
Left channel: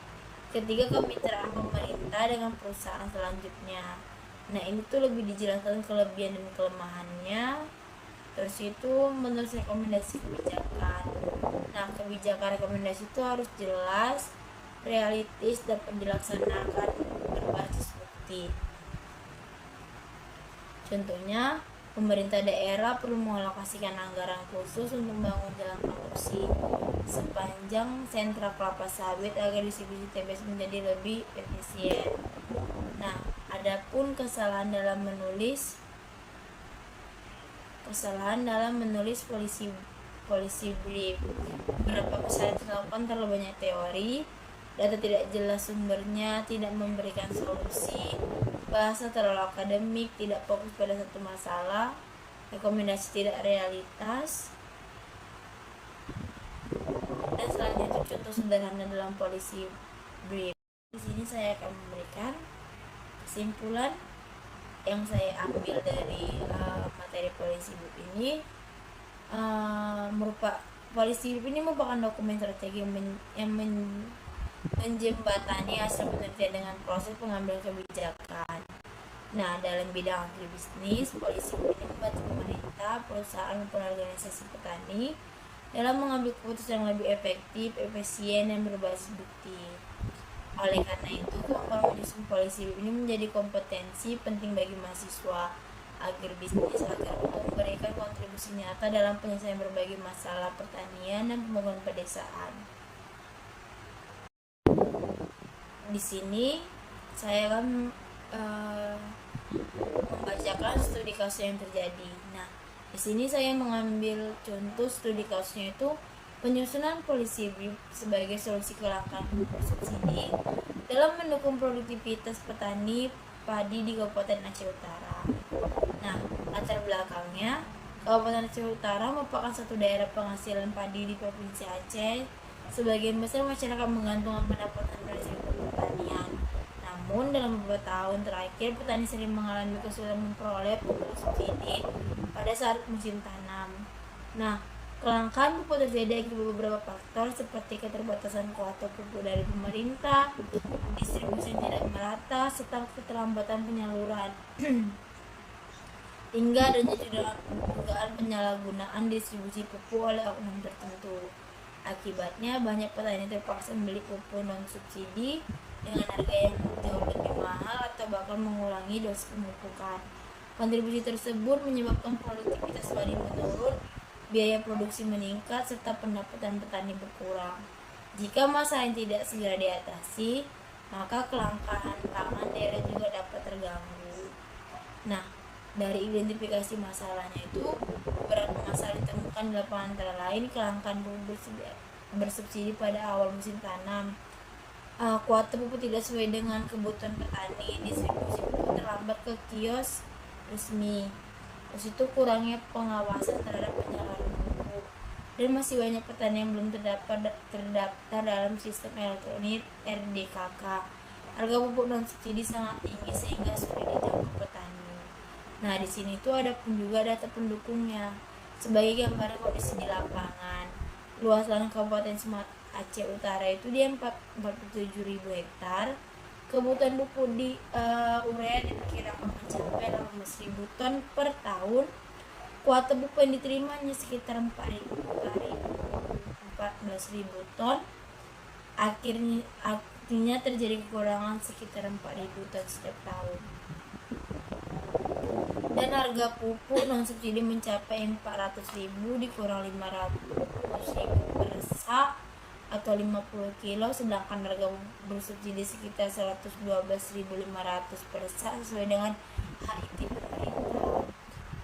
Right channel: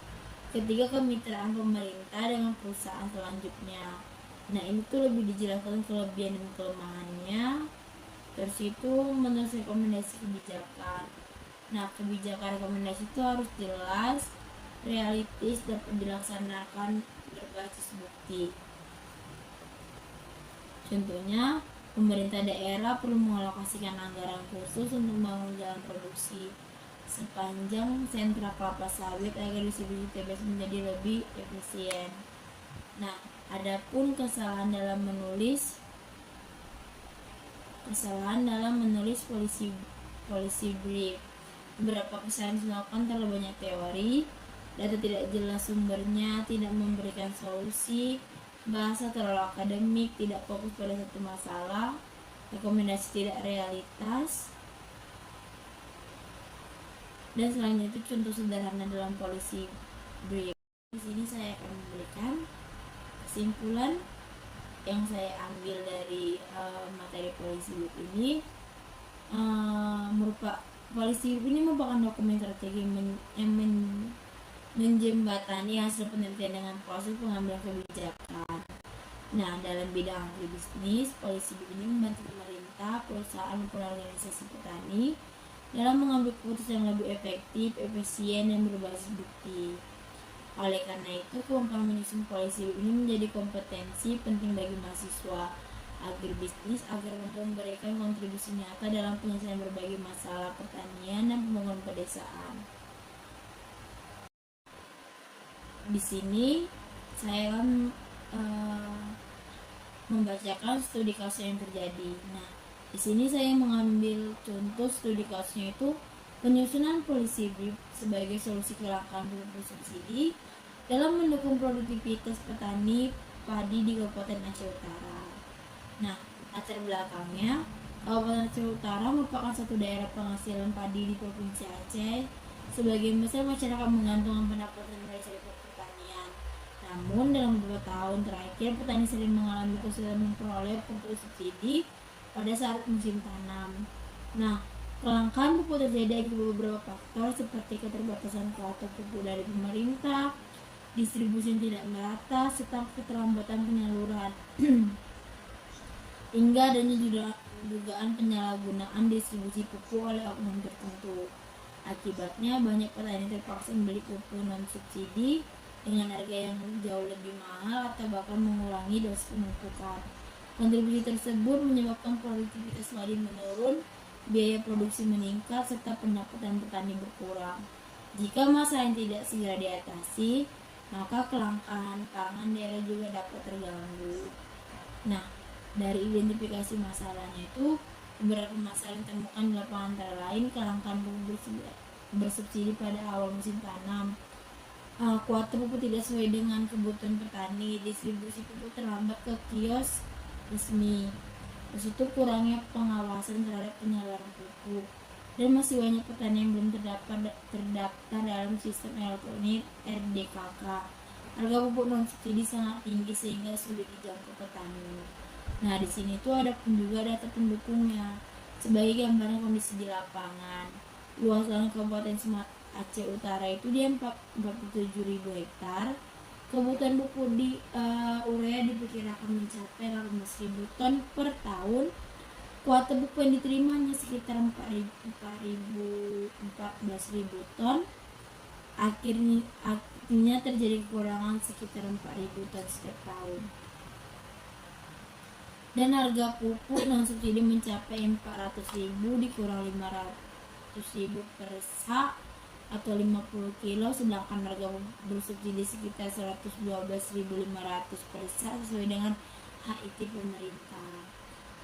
Ketiga, kemitraan pemerintah dengan perusahaan selanjutnya. Nah, ini tuh lebih dijelaskan kelebihan dan kelemahannya. Terus itu menurut rekomendasi kebijakan. Nah, kebijakan rekomendasi itu harus jelas, realistis, dapat dilaksanakan berbasis bukti. Contohnya, pemerintah daerah perlu mengalokasikan anggaran khusus untuk membangun jalan produksi sepanjang sentra kelapa sawit agar distribusi TBS menjadi lebih efisien. Nah, adapun kesalahan dalam menulis polisi brief. Beberapa kesalahan dilakukan terlalu banyak teori, data tidak jelas sumbernya, tidak memberikan solusi, bahasa terlalu akademik, tidak fokus pada satu masalah, rekomendasi tidak realitas. Dan selanjutnya contoh sederhana dalam polisi brief. Di sini saya akan memberikan kesimpulan yang saya ambil dari materi polisi brief ini. Polisi brief ini merupakan dokumen strategi yang menjembatani hasil penelitian dengan proses pengambilan kebijakan. Nah, dalam bidang agribisnis, polisi ini membantu pemerintah, perusahaan, maupun organisasi petani dalam mengambil keputusan yang lebih efektif, efisien, dan berbasis bukti. Oleh karena itu, kemampuan menyusun polisi ini menjadi kompetensi penting bagi mahasiswa agribisnis agar memberikan kontribusi nyata dalam penyelesaian berbagai masalah pertanian dan pembangunan pedesaan. Di sini saya akan membacakan studi kasus yang terjadi. Nah, di sini saya mengambil contoh studi kasusnya itu penyusunan polisi brief sebagai solusi kelangkaan pupuk subsidi dalam mendukung produktivitas petani padi di Kabupaten Aceh Utara. Nah, latar belakangnya, Kabupaten Aceh Utara merupakan satu daerah penghasilan padi di Provinsi Aceh. Sebagian besar masyarakat menggantungkan pendapatan dari sektor pertanian. Namun, dalam beberapa tahun terakhir, petani sering mengalami kesulitan memperoleh pupuk subsidi pada saat musim tanam. Nah, kelangkaan pupuk terjadi akibat beberapa faktor seperti keterbatasan kuota pupuk dari pemerintah, distribusi tidak merata, serta keterlambatan penyaluran. Hingga adanya juga dugaan penyalahgunaan distribusi pupuk oleh oknum tertentu. Akibatnya banyak petani terpaksa membeli pupuk non subsidi dengan harga yang jauh lebih mahal atau bahkan mengurangi dosis pemupukan. Kontribusi tersebut menyebabkan produktivitas padi menurun, biaya produksi meningkat, serta pendapatan petani berkurang. Jika masalah yang tidak segera diatasi, maka kelangkaan pangan daerah juga dapat terganggu. Nah, dari identifikasi masalahnya itu, beberapa masalah ditemukan di lapangan antara lain kelangkaan pupuk bersubsidi pada awal musim tanam, kuota pupuk tidak sesuai dengan kebutuhan petani, distribusi pupuk terlambat ke kios resmi, terus itu kurangnya pengawasan terhadap penyaluran pupuk, dan masih banyak petani yang belum terdaftar dalam sistem elektronik RDKK. Harga pupuk non subsidi sangat tinggi sehingga sulit dijangkau petani. Nah, di sini tuh ada pun juga data pendukungnya sebagai gambaran kondisi di lapangan. Luas lahan Kabupaten Aceh Utara itu di 47.000 hektar. Kebutuhan pupuk di urea diperkirakan mencapai 18.000 ton per tahun. Kuota pupuk yang diterima hanya sekitar 14.000 ton. Artinya terjadi kekurangan sekitar 4.000 ton setiap tahun. Dan harga pupuk non subsidi mencapai 400.000 dikurang 500.000 per sak atau 50 kilo, sedangkan harga pupuk bersubsidi sekitar 112.500 per sak sesuai dengan HIT pemerintah.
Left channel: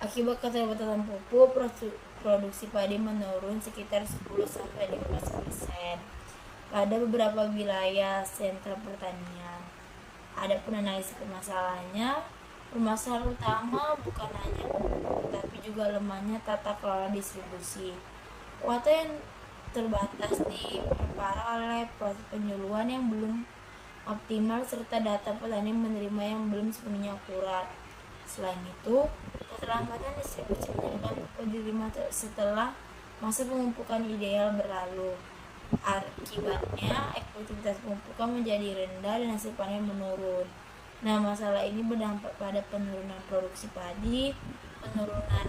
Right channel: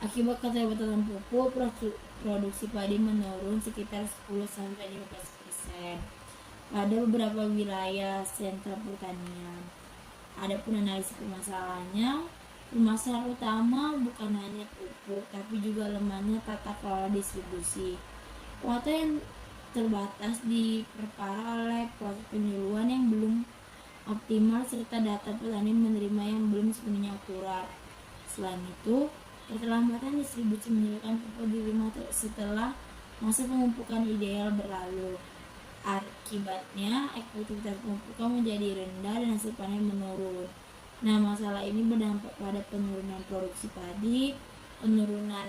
Akibat keterbatasan pupuk, produksi padi menurun sekitar 10-15%. pada beberapa wilayah sentra pertanian. Adapun analisis permasalahannya, permasalahan utama bukan hanya pupuk, tapi juga lemahnya tata kelola distribusi. Kuota yang terbatas diperparah oleh proses penyuluhan yang belum optimal serta data petani menerima yang belum sepenuhnya akurat. Selain itu, keterlambatan distribusi menyebabkan pupuk diterima setelah masa pemupukan ideal berlalu. Akibatnya, efektivitas pemupukan menjadi rendah dan hasil panen menurun. Nah, masalah ini berdampak pada penurunan produksi padi, penurunan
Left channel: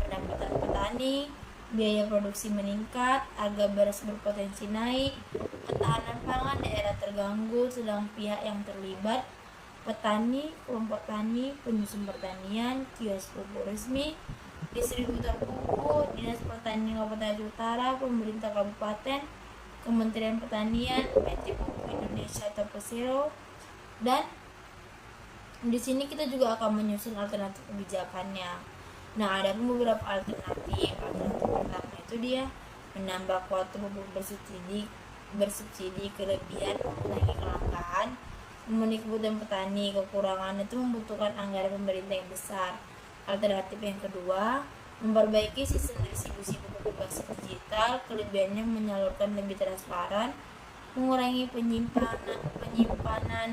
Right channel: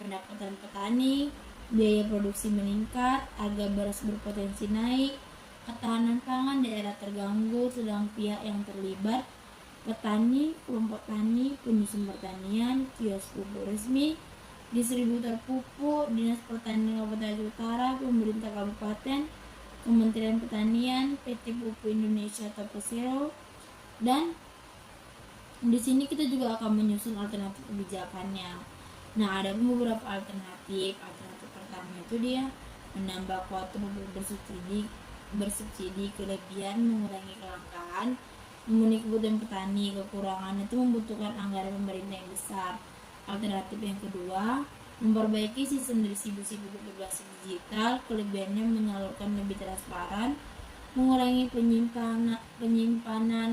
pendapatan petani, biaya produksi meningkat, harga beras berpotensi naik, ketahanan pangan daerah terganggu, sedang pihak yang terlibat, petani, kelompok tani, penyusun pertanian, kios pupuk resmi, distributor pupuk, Dinas Pertanian Kabupaten Aceh Utara, pemerintah kabupaten, Kementerian Pertanian, PT Pupuk Indonesia atau Persero, dan di sini kita juga akan menyusun alternatif kebijakannya. Nah, ada beberapa alternatif. Alternatif pertama itu dia menambah kuota pupuk bersubsidi kelebihan, mengurangi kelangkaan, memenuhi kebutuhan petani. Kekurangan itu membutuhkan anggaran pemerintah yang besar. Alternatif yang kedua, memperbaiki sistem distribusi pupuk berbasis digital, kelebihannya menyalurkan lebih transparan, mengurangi penyimpanan,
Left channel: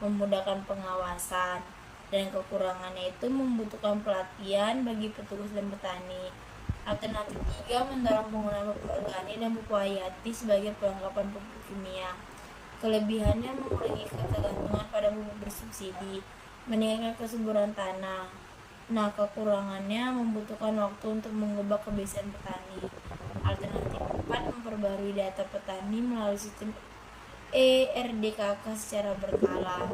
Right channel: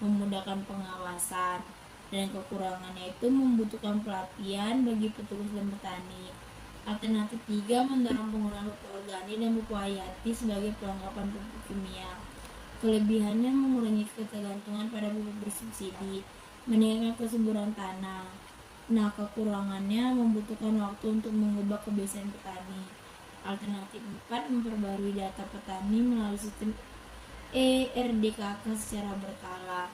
memudahkan pengawasan, dan kekurangannya itu membutuhkan pelatihan bagi petugas dan petani. Alternatif 3, mendorong penggunaan pupuk organik dan pupuk hayati sebagai pelengkapan pupuk kimia. Kelebihannya mengurangi ketergantungan pada pupuk bersubsidi, meningkatkan kesuburan tanah. Nah, kekurangannya membutuhkan waktu untuk mengubah kebiasaan petani. Alternatif 4, memperbarui data petani melalui sistem ERDKK secara berkala.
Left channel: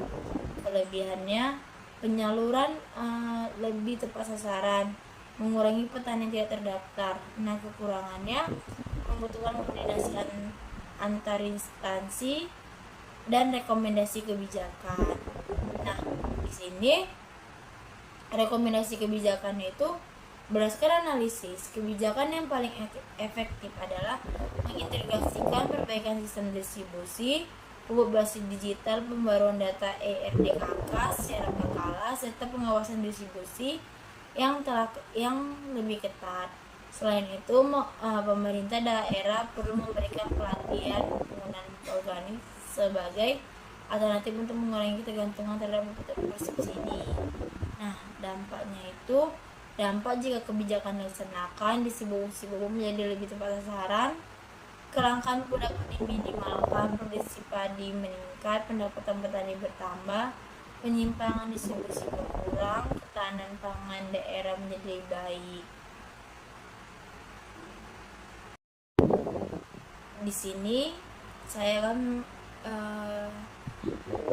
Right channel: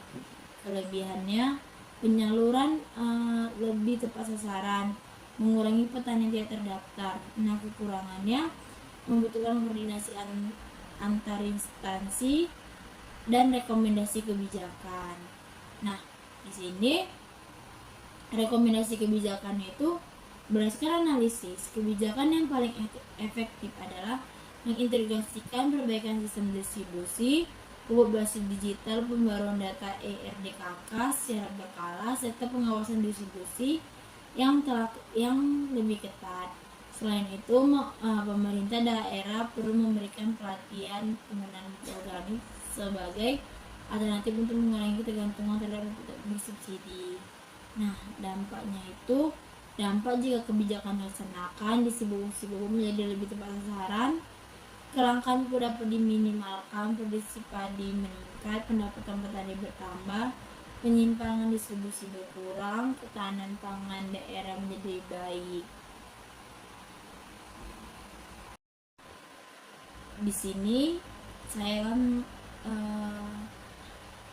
Kelebihannya, penyaluran lebih tepat sasaran, mengurangi petani yang tidak terdaftar. Nah, kekurangannya membutuhkan koordinasi antar instansi dan rekomendasi kebijakan. Nah, di sini rekomendasi kebijakan itu berdasarkan analisis, kebijakan yang paling efektif adalah mengintegrasikan perbaikan sistem distribusi, pupuk basis digital, pembaruan data ERDKK secara berkala, serta pengawasan distribusi yang lebih ketat. Selain itu, pemerintah daerah perlu memberikan pelatihan penggunaan pupuk organik sebagai alternatif untuk mengurangi ketergantungan terhadap pupuk bersubsidi. Nah, dampak jika kebijakan dilaksanakan, distribusi pupuk menjadi lebih tepat sasaran, kelangkaan pupuk dapat diminimalkan, produksi padi meningkat, pendapatan petani bertambah, penyimpangan distribusi berkurang, ketahanan pangan daerah menjadi baik. Di sini saya akan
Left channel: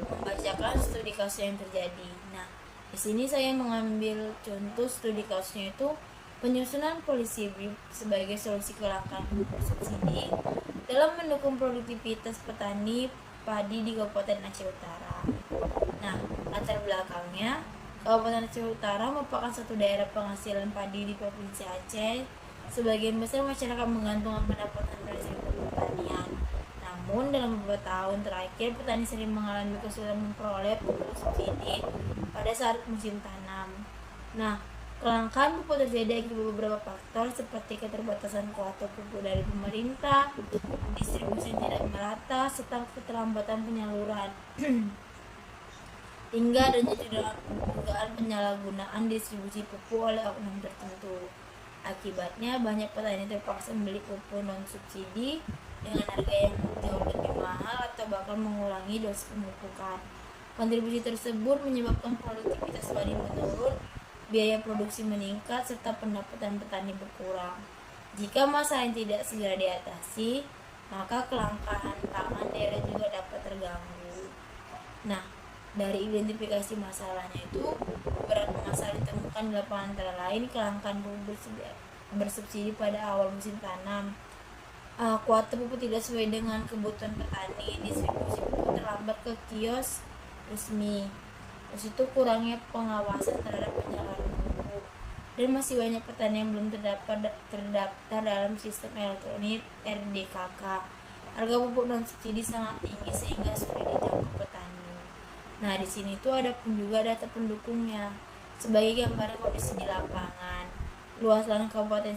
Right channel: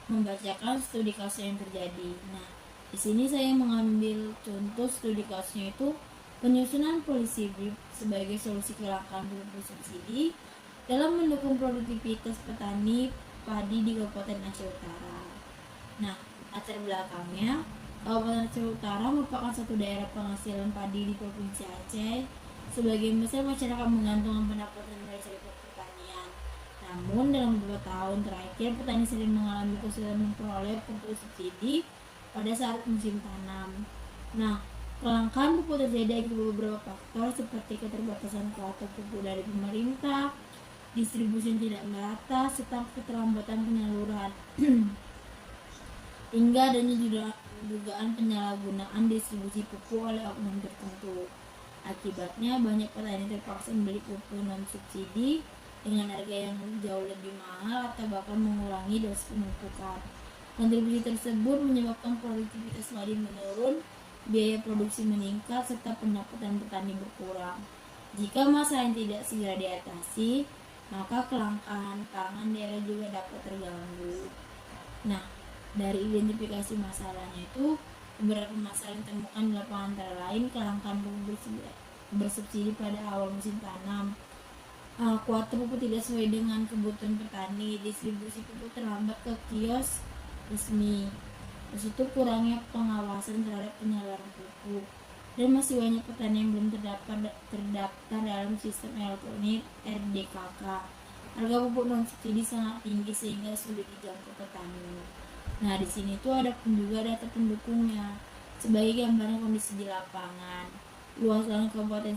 membacakan studi kasus yang terjadi. Nah, di sini saya mengambil contoh studi kasusnya itu penyusunan polisi BRIP sebagai solusi kelangkaan pupuk bersubsidi dalam mendukung produktivitas petani padi di Kabupaten Aceh Utara. Nah, latar belakangnya, Kabupaten Aceh Utara merupakan satu daerah penghasilan padi di Provinsi Aceh. Sebagian besar masyarakat menggantungkan pendapatan dari sektor pertanian. Namun, dalam beberapa tahun terakhir, petani sering mengalami kesulitan memperoleh pupuk subsidi pada saat musim tanam. Nah, kelangkaan pupuk terjadi akibat beberapa faktor seperti keterbatasan kuota pupuk dari pemerintah, distribusi yang tidak merata, serta keterlambatan penyaluran. Hingga adanya dugaan penyalahgunaan distribusi pupuk oleh oknum tertentu. Akibatnya, banyak petani terpaksa membeli pupuk non-subsidi dengan harga yang jauh lebih mahal atau bahkan mengurangi dosis pemupukan. Kontribusi tersebut menyebabkan produktivitas padi menurun, biaya produksi meningkat, serta pendapatan petani berkurang. Jika masalah yang tidak segera diatasi, maka kelangkaan pangan daerah juga dapat terganggu. Nah, dari identifikasi masalahnya itu, beberapa masalah ditemukan di lapangan antara lain kelangkaan pupuk bersubsidi pada awal musim tanam, kuota pupuk tidak sesuai dengan kebutuhan petani, distribusi pupuk terlambat ke kios resmi, terus itu kurangnya pengawasan terhadap penyaluran pupuk, dan masih banyak petani yang belum terdaftar dalam sistem elektronik RDKK. Harga pupuk non subsidi sangat tinggi sehingga sulit dijangkau petani. Nah, di sini tuh ada pun juga data pendukungnya. Sebagai gambaran kondisi di lapangan, luas lahan Kabupaten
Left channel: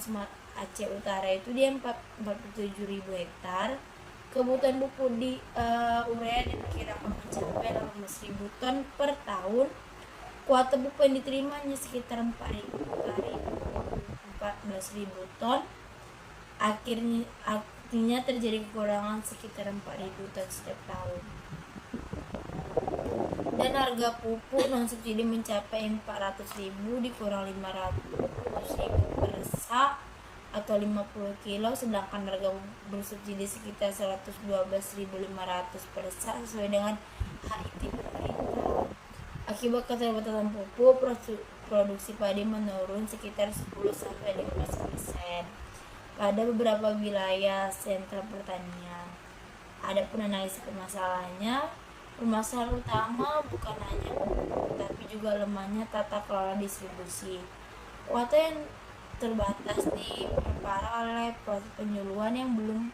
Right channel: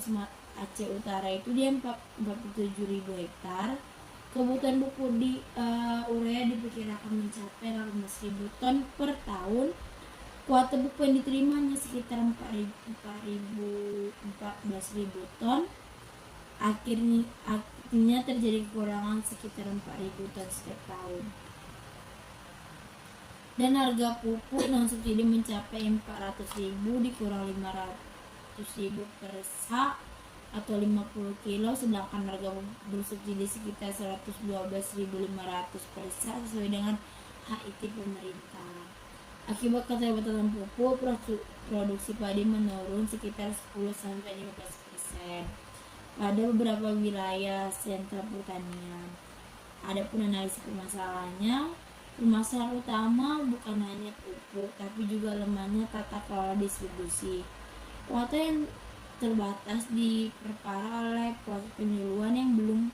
Aceh Utara itu dia 47.000 hektar. Kebutuhan pupuk di urea diperkirakan mencapai 18.000 ton per tahun. Kuota pupuk yang diterimanya sekitar 14.000 ton. Artinya terjadi kekurangan sekitar 4.000 ton setiap tahun. Dan harga pupuk non subsidi mencapai 400.000 dikurang 500.000 per sak atau 50 kilo, sedangkan harga bersubsidi sekitar 112.500 per sak sesuai dengan HIT pemerintah. Akibat keterbatasan pupuk, produksi padi menurun sekitar 10-15% pada beberapa wilayah sentra pertanian. Adapun analisis permasalahannya, permasalahan utama bukan hanya pupuk, tapi juga lemahnya tata kelola distribusi. Kuota yang terbatas diperparah oleh proses penyuluhan yang belum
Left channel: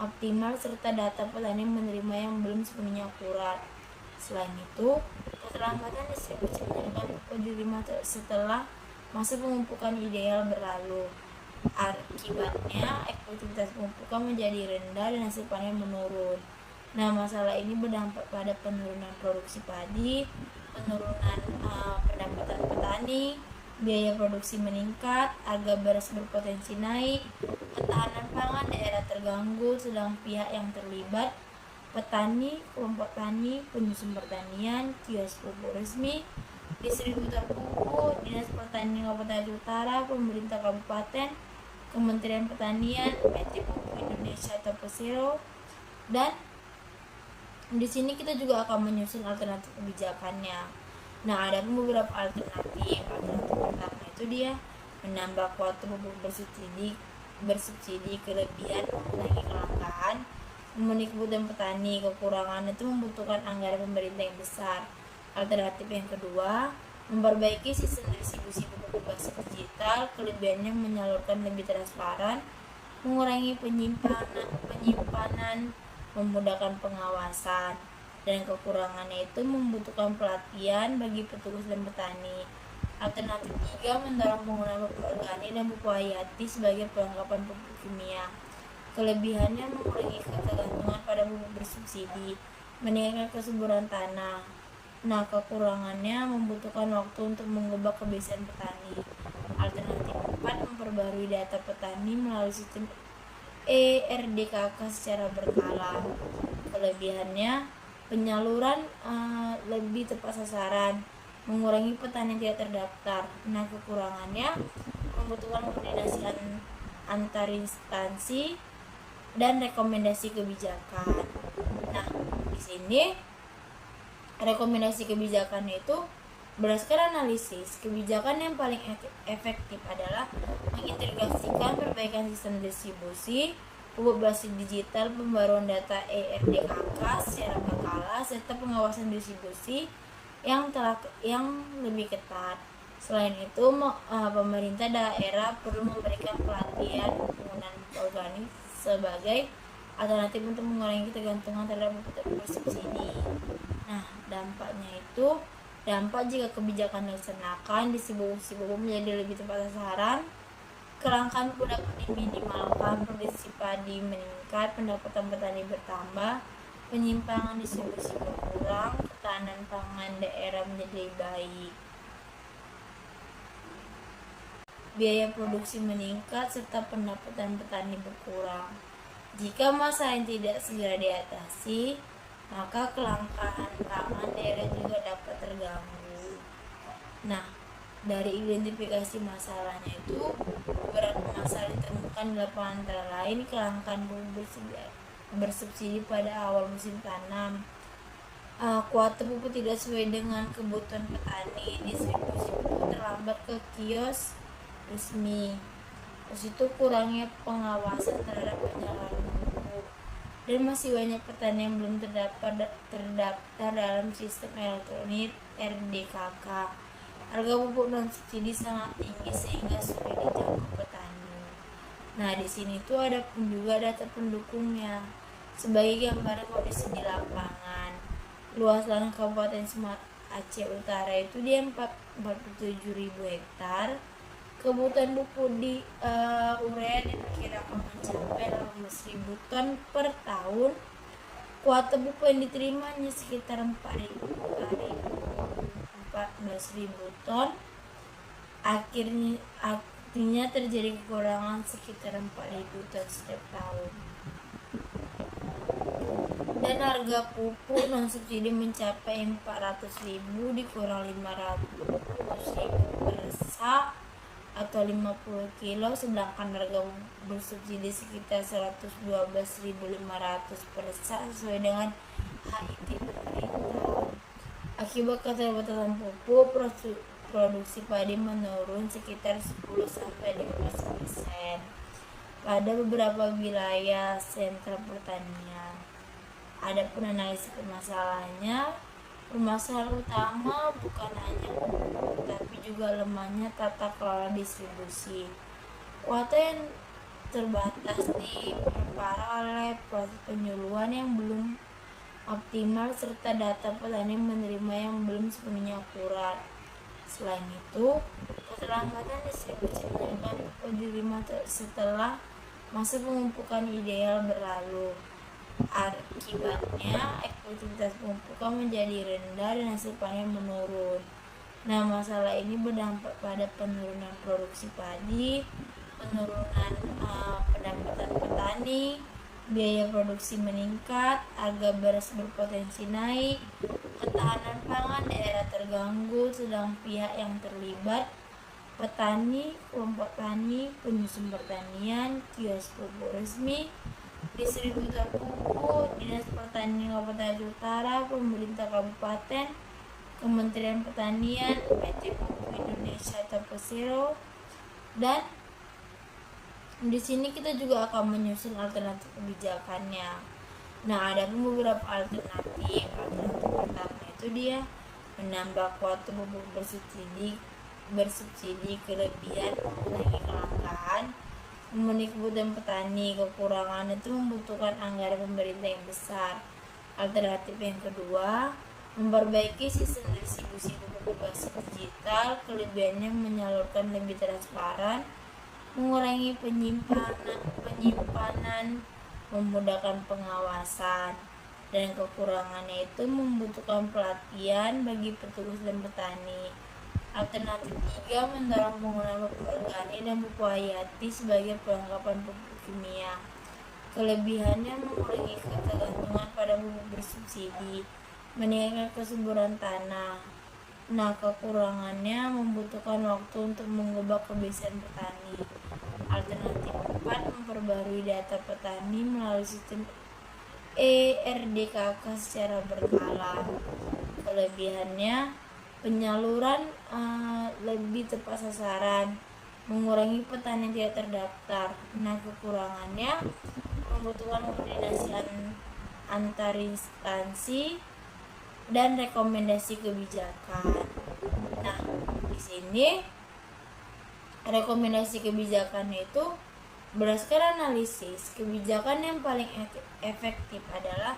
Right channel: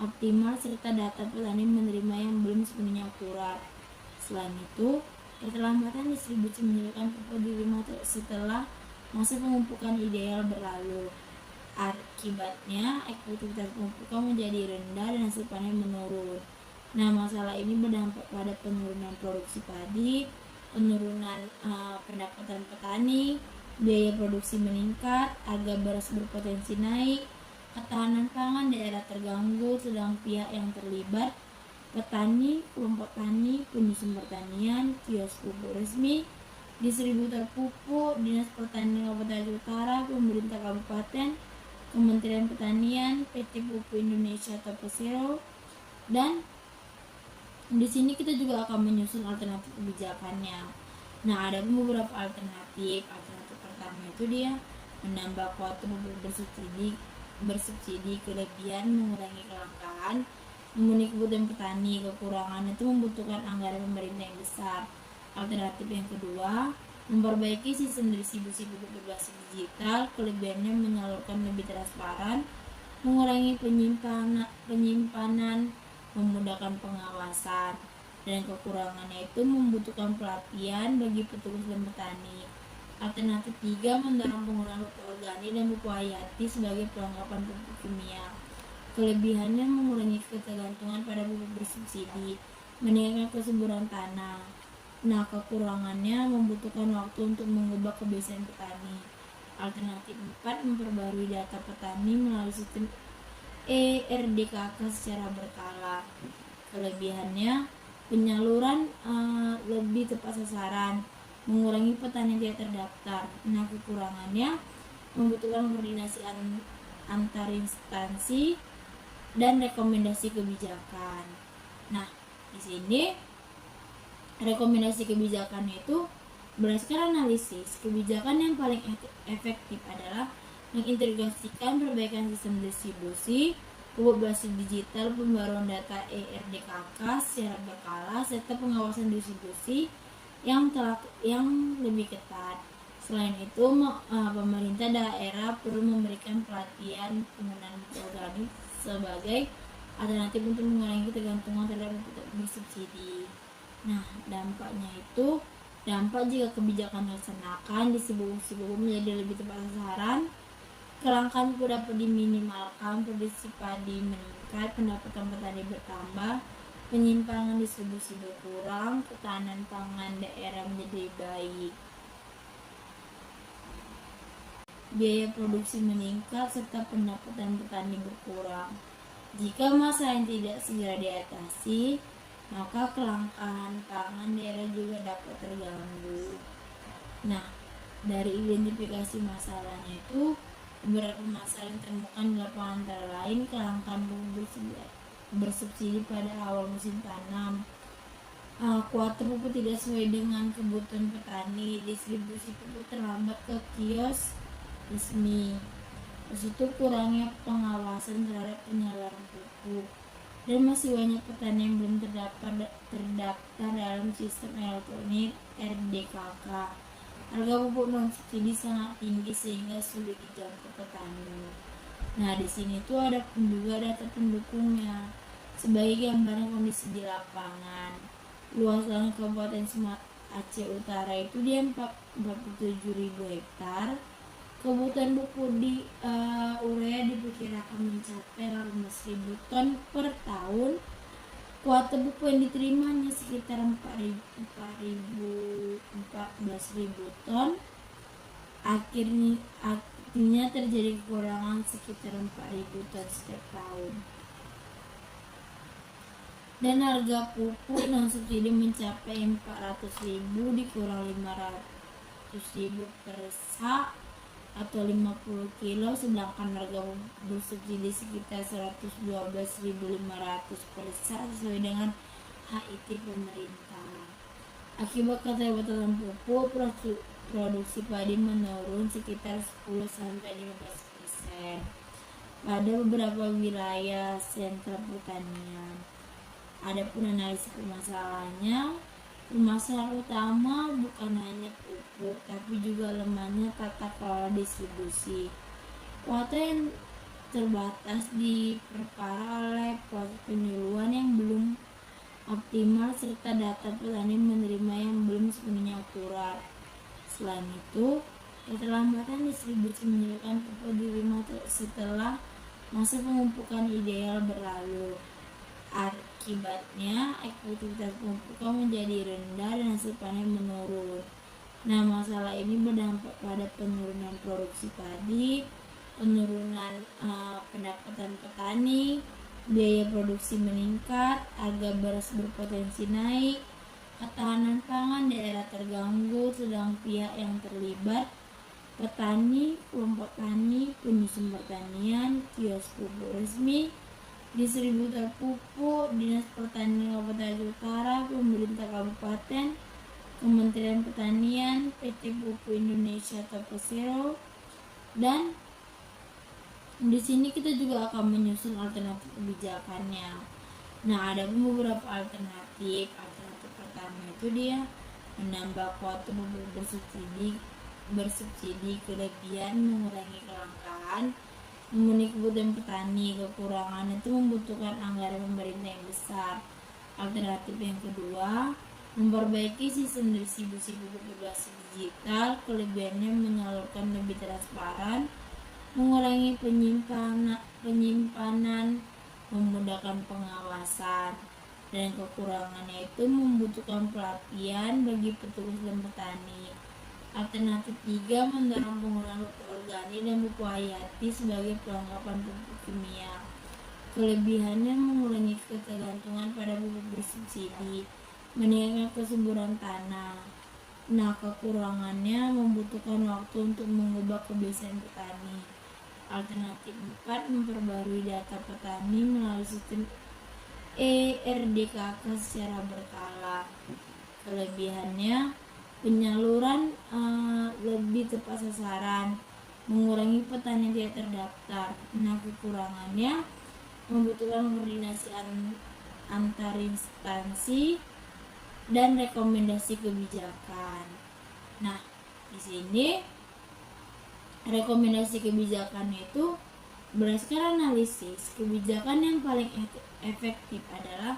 optimal serta data petani menerima yang belum sepenuhnya akurat. Selain itu, keterlambatan distribusi menyebabkan pupuk diterima setelah masa pemupukan ideal berlalu. Akibatnya, efektivitas pemupukan menjadi rendah dan hasil panen menurun. Nah, masalah ini berdampak pada penurunan produksi padi, penurunan pendapatan petani, biaya produksi meningkat, harga beras berpotensi naik, ketahanan pangan daerah terganggu, sedang pihak yang terlibat, petani, kelompok tani, penyusun pertanian, kios pupuk resmi, distributor pupuk, Dinas Pertanian Kabupaten Utara, pemerintah kabupaten, Kementerian Pertanian, PT Pupuk Indonesia atau Persero, dan di sini kita juga akan menyusun alternatif kebijakannya. Nah, ada beberapa alternatif. Alternatif pertama itu dia menambah kuota pupuk bersubsidi kelebihan, mengurangi kelangkaan, memenuhi kebutuhan petani. Kekurangan itu membutuhkan anggaran pemerintah yang besar. Alternatif yang kedua, memperbaiki sistem distribusi pupuk berbasis digital. Kelebihannya menyalurkan lebih transparan, mengurangi penyimpanan, memudahkan pengawasan. Dan kekurangannya itu membutuhkan pelatihan bagi petugas dan petani. Alternatif 3, mendorong penggunaan pupuk organik dan pupuk hayati sebagai perlengkapan pupuk kimia. Kelebihannya mengurangi ketergantungan pada pupuk bersubsidi, meningkatkan kesuburan tanah. Nah, kekurangannya membutuhkan waktu untuk mengubah kebiasaan petani. Alternatif 4, memperbarui data petani melalui sistem ERDKK secara berkala. Kelebihannya penyaluran lebih tepat sasaran, mengurangi petani yang tidak terdaftar. Nah, kekurangannya membutuhkan koordinasi antar instansi dan rekomendasi kebijakan. Nah, di sini rekomendasi kebijakan itu berdasarkan analisis, kebijakan yang paling efektif adalah mengintegrasikan perbaikan sistem distribusi, pupuk berbasis digital, pembaruan data ERDKK secara berkala, serta pengawasan distribusi yang lebih ketat. Selain itu, pemerintah daerah perlu memberikan pelatihan penggunaan pupuk organik sebagai alternatif untuk mengurangi ketergantungan terhadap pupuk bersubsidi. Nah, dampak jika kebijakan dilaksanakan, distribusi pupuk menjadi lebih tepat sasaran, kelangkaan pupuk dapat diminimalkan, produksi padi meningkat, pendapatan petani bertambah, penyimpangan distribusi berkurang, ketahanan pangan daerah menjadi baik, biaya produksi meningkat, serta pendapatan petani berkurang. Jika masalah yang tidak segera diatasi, maka kelangkaan pangan daerah juga dapat terganggu. Nah, dari identifikasi masalahnya itu, beberapa masalah yang ditemukan di lapangan antara lain kelangkaan pupuk bersubsidi pada awal musim tanam, kuota pupuk tidak sesuai dengan kebutuhan petani, distribusi pupuk terlambat ke kios resmi, terus itu kurangnya pengawasan terhadap penyaluran pupuk, dan masih banyak petani yang belum terdaftar dalam sistem elektronik RDKK. Harga pupuk non subsidi sangat tinggi sehingga sulit dijangkau petani. Nah, di sini tuh ada pun juga data pendukungnya. Sebagai gambaran kondisi di lapangan, luas lahan Kabupaten Aceh Utara itu dia 47.000 hektar. Kebutuhan pupuk di urea diperkirakan mencapai 18.000 ton per tahun. Kuota pupuk yang diterima hanya sekitar 14.000 ton. Artinya terjadi kekurangan sekitar 4.000 ton setiap tahun. Dan harga pupuk non subsidi mencapai 400.000 dikurang 500.000 per sak atau 50 kilo, sedangkan harga bersubsidi sekitar 112.500 per sak sesuai dengan HIT pemerintah. Akibat keterbatasan pupuk, produksi padi menurun sekitar 10-15% pada beberapa wilayah sentra pertanian. Adapun analisis permasalahannya, permasalahan utama bukan hanya pupuk, tapi juga lemahnya tata kelola distribusi. Kuota yang terbatas diperparah oleh proses penyuluhan yang belum optimal serta data petani menerima yang belum sepenuhnya akurat. Selain itu, keterlambatan distribusi menyebabkan pupuk diterima setelah masa pemupukan ideal berlalu. Akibatnya efektivitas pemupukan menjadi rendah dan hasil panen menurun. Nah, masalah ini berdampak pada penurunan produksi padi, penurunan pendapatan petani, biaya produksi meningkat, harga beras berpotensi naik, ketahanan pangan daerah terganggu, sedang pihak yang terlibat petani, kelompok tani, penyusun pertanian, kios pupuk resmi, distributor pupuk, Dinas Pertanian Kabupaten Aceh Utara, pemerintah kabupaten, Kementerian Pertanian, PT Pupuk Indonesia atau Persero. Dan di sini kita juga akan menyusun alternatif kebijakannya. Nah, ada beberapa alternatif. Alternatif pertama itu dia menambah kuota pupuk bersubsidi kelebihan, mengurangi kelangkaan, memenuhi kebutuhan petani. Kekurangan itu membutuhkan anggaran pemerintah yang besar. Alternatif yang kedua, memperbaiki sistem distribusi pupuk berbasis digital. Kelebihannya menyalurkan lebih transparan, mengurangi penyimpanan, memudahkan pengawasan. Dan kekurangannya itu membutuhkan pelatihan bagi petugas dan petani. Alternatif 3, mendorong penggunaan pupuk organik dan pupuk hayati sebagai perlengkapan pupuk kimia. Kelebihannya mengurangi ketergantungan pada pupuk bersubsidi, meningkatkan kesuburan tanah. Nah, kekurangannya membutuhkan waktu untuk mengubah kebiasaan petani. Alternatif 4, memperbarui data petani melalui sistem ERDKK secara berkala. Kelebihannya penyaluran lebih tepat sasaran, mengurangi petani yang tidak terdaftar. Nah, kekurangannya membutuhkan koordinasi antar instansi dan rekomendasi kebijakan. Nah, di sini rekomendasi kebijakan itu berdasarkan analisis, kebijakan yang paling efektif adalah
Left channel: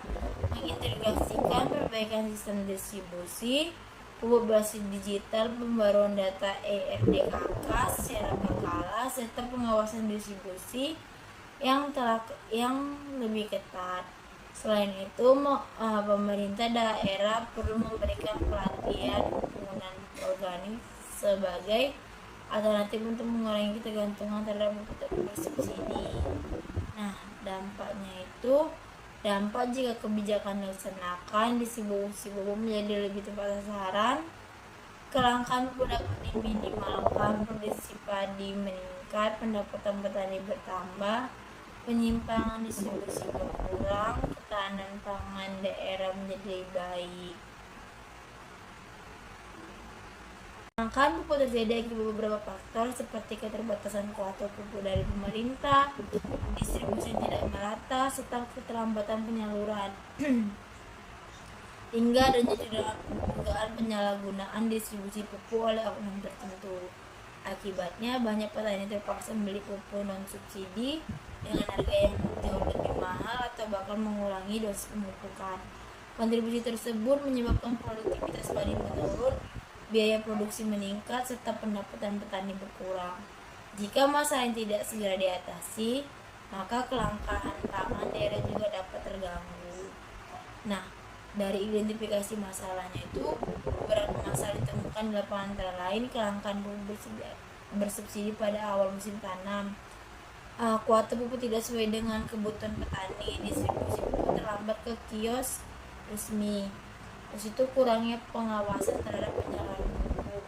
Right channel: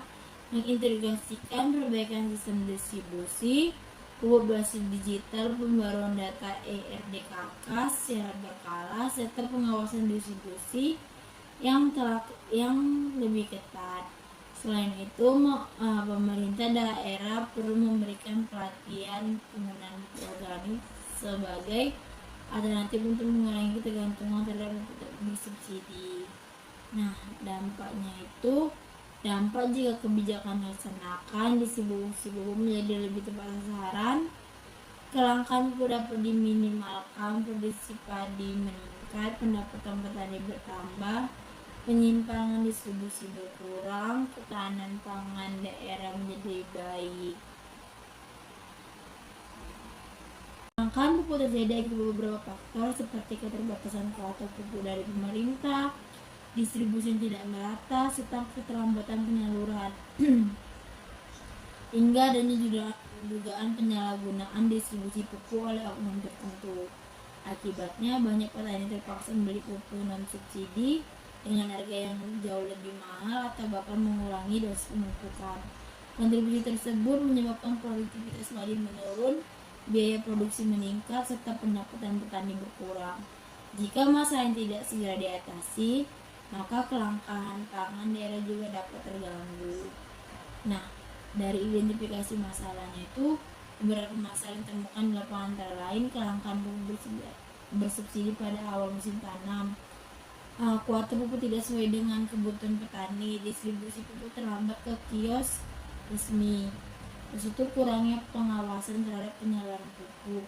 mengintegrasikan perbaikan sistem distribusi pupuk berbasis digital, pembaruan data ERDKK secara berkala, serta pengawasan distribusi yang lebih ketat. Selain itu, pemerintah daerah perlu memberikan pelatihan penggunaan organik sebagai alternatif untuk mengurangi ketergantungan terhadap pupuk bersubsidi. Nah, dampak jika kebijakan dilaksanakan, distribusi pupuk menjadi lebih tepat sasaran, kelangkaan pupuk dapat diminimalkan, produksi padi meningkat, pendapatan petani bertambah, penyimpangan distribusi berkurang, ketahanan pangan daerah menjadi baik. Kelangkaan pupuk terjadi akibat beberapa faktor seperti keterbatasan kuota pupuk dari pemerintah, distribusi tidak merata, serta keterlambatan penyaluran hingga adanya dugaan penyalahgunaan distribusi pupuk oleh oknum tertentu. Akibatnya banyak petani terpaksa membeli pupuk non subsidi dengan harga yang jauh lebih mahal atau bahkan mengurangi dosis pemupukan. Kontribusi tersebut menyebabkan produktivitas padi menurun, biaya produksi meningkat, serta pendapatan petani berkurang. Jika masalah yang tidak segera diatasi, maka kelangkaan pangan daerah juga dapat terganggu. Nah, dari identifikasi masalahnya itu, beberapa masalah ditemukan di lapangan antara lain kelangkaan pupuk bersubsidi pada awal musim tanam, kuota pupuk tidak sesuai dengan kebutuhan petani, distribusi pupuk terlambat ke kios resmi, terus itu kurangnya pengawasan terhadap penyaluran pupuk,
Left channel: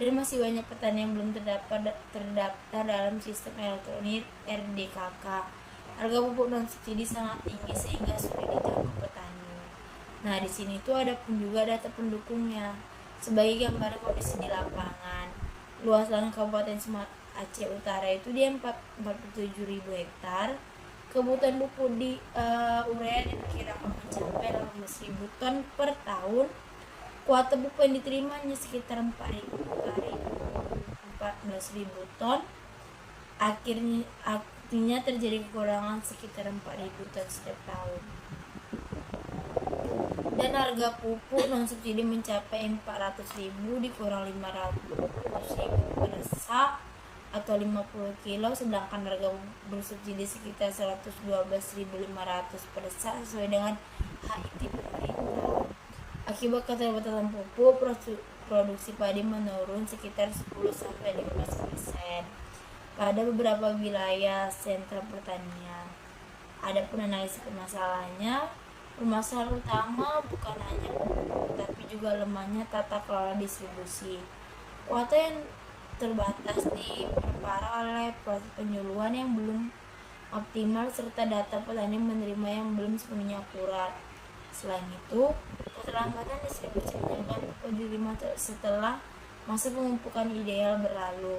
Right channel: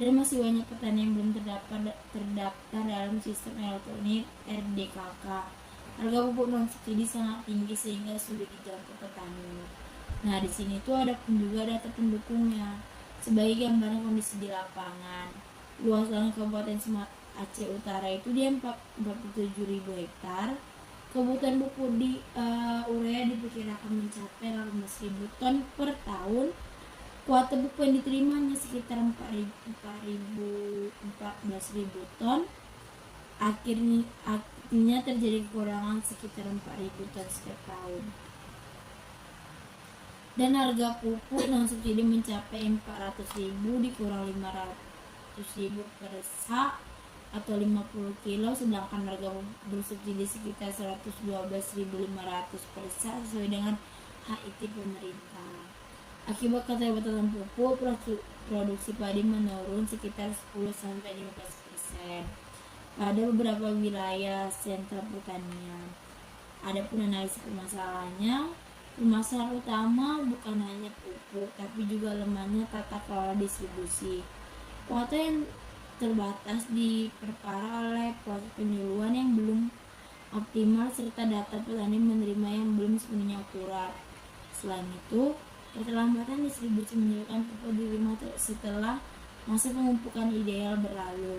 dan masih banyak petani yang belum terdaftar dalam sistem elektronik RDKK. Harga pupuk non subsidi sangat tinggi sehingga sulit dijangkau petani. Nah, di sini tuh ada pun juga data pendukungnya. Sebagai gambaran kondisi di lapangan, luas lahan Kabupaten Aceh Utara itu dia 47.000 hektar. Kebutuhan pupuk di urea diperkirakan mencapai 18.000 ton per tahun. Kuota pupuk yang diterima hanya sekitar 14.000 ton. Artinya terjadi kekurangan sekitar 4.000 ton setiap tahun. Dan harga pupuk non subsidi mencapai 400.000 dikurang 500.000 per sak atau 50 kilo, sedangkan harga bersubsidi sekitar 112.500 per sak sesuai dengan HIT pemerintah. Akibat keterbatasan pupuk, produksi padi menurun sekitar 10-15% pada beberapa wilayah sentra pertanian. Adapun analisis masalahnya, permasalahan utama bukan hanya pupuk, tapi juga lemahnya tata kelola distribusi. Kuota yang terbatas diperparah oleh proses penyuluhan yang belum optimal serta data petani menerima yang belum sepenuhnya akurat. Selain itu, keterlambatan distribusi menyebabkan pupuk diterima setelah masa pemupukan ideal berlalu.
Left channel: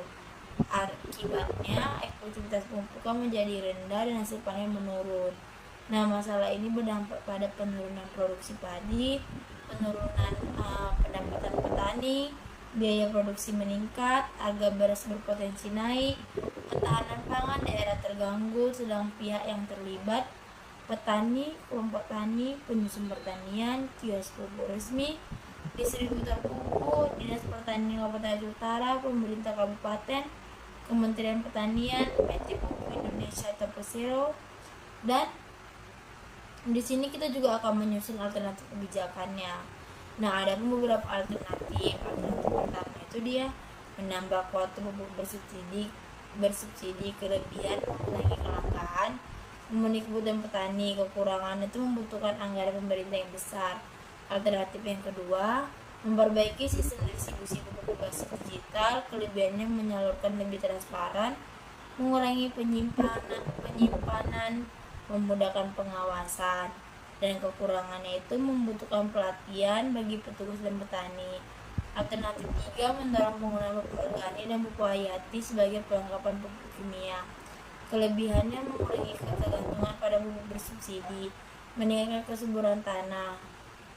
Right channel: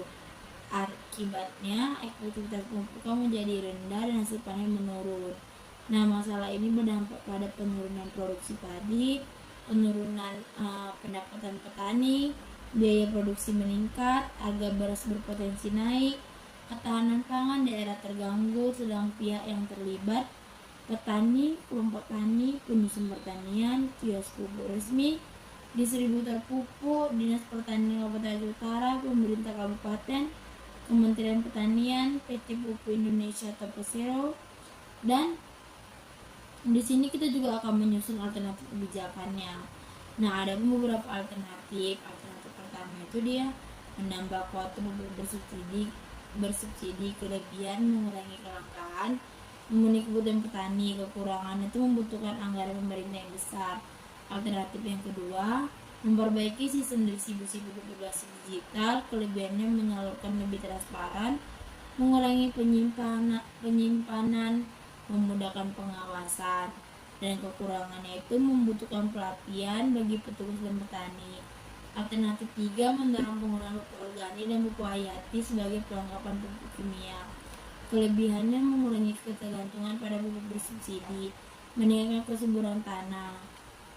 Akibatnya, efektivitas pemupukan menjadi rendah dan hasil panen menurun. Nah, masalah ini berdampak pada penurunan produksi padi, penurunan pendapatan petani, biaya produksi meningkat, harga beras berpotensi naik, ketahanan pangan daerah terganggu, sedang pihak yang terlibat, petani, kelompok tani, penyusun pertanian, kios pupuk resmi, distributor pupuk, Dinas Pertanian Kabupaten Aceh Utara, pemerintah kabupaten, Kementerian Pertanian, PT Pupuk Indonesia atau Persero, dan di sini kita juga akan menyusun alternatif kebijakannya. Nah, ada beberapa alternatif. Alternatif pertama itu dia menambah kuota pupuk bersubsidi kelebihan, mengurangi kelangkaan, memenuhi kebutuhan petani. Kekurangan itu membutuhkan anggaran pemerintah yang besar. Alternatif yang kedua, memperbaiki sistem distribusi pupuk berbasis digital. Kelebihannya menyalurkan lebih transparan, mengurangi penyimpanan, memudahkan pengawasan. Dan kekurangannya itu membutuhkan pelatihan bagi petugas dan petani. Alternatif 3, mendorong penggunaan pupuk organik dan pupuk hayati sebagai perlengkapan pupuk kimia. Kelebihannya mengurangi ketergantungan pada pupuk bersubsidi, meningkatkan kesuburan tanah.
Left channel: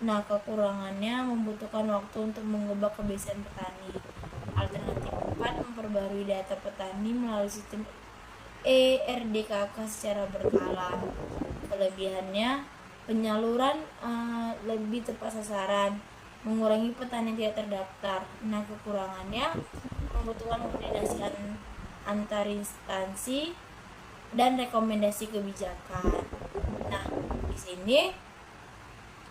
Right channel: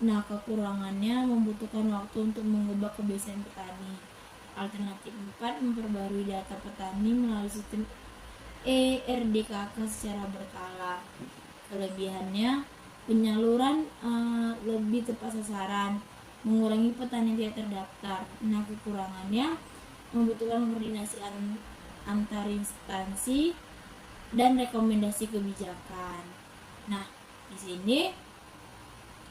Nah, kekurangannya membutuhkan waktu untuk mengubah kebiasaan petani. Alternatif 4, memperbarui data petani melalui sistem ERDKK secara berkala. Kelebihannya penyaluran lebih tepat sasaran, mengurangi petani yang tidak terdaftar. Nah, kekurangannya membutuhkan koordinasi antar instansi dan rekomendasi kebijakan. Nah, di sini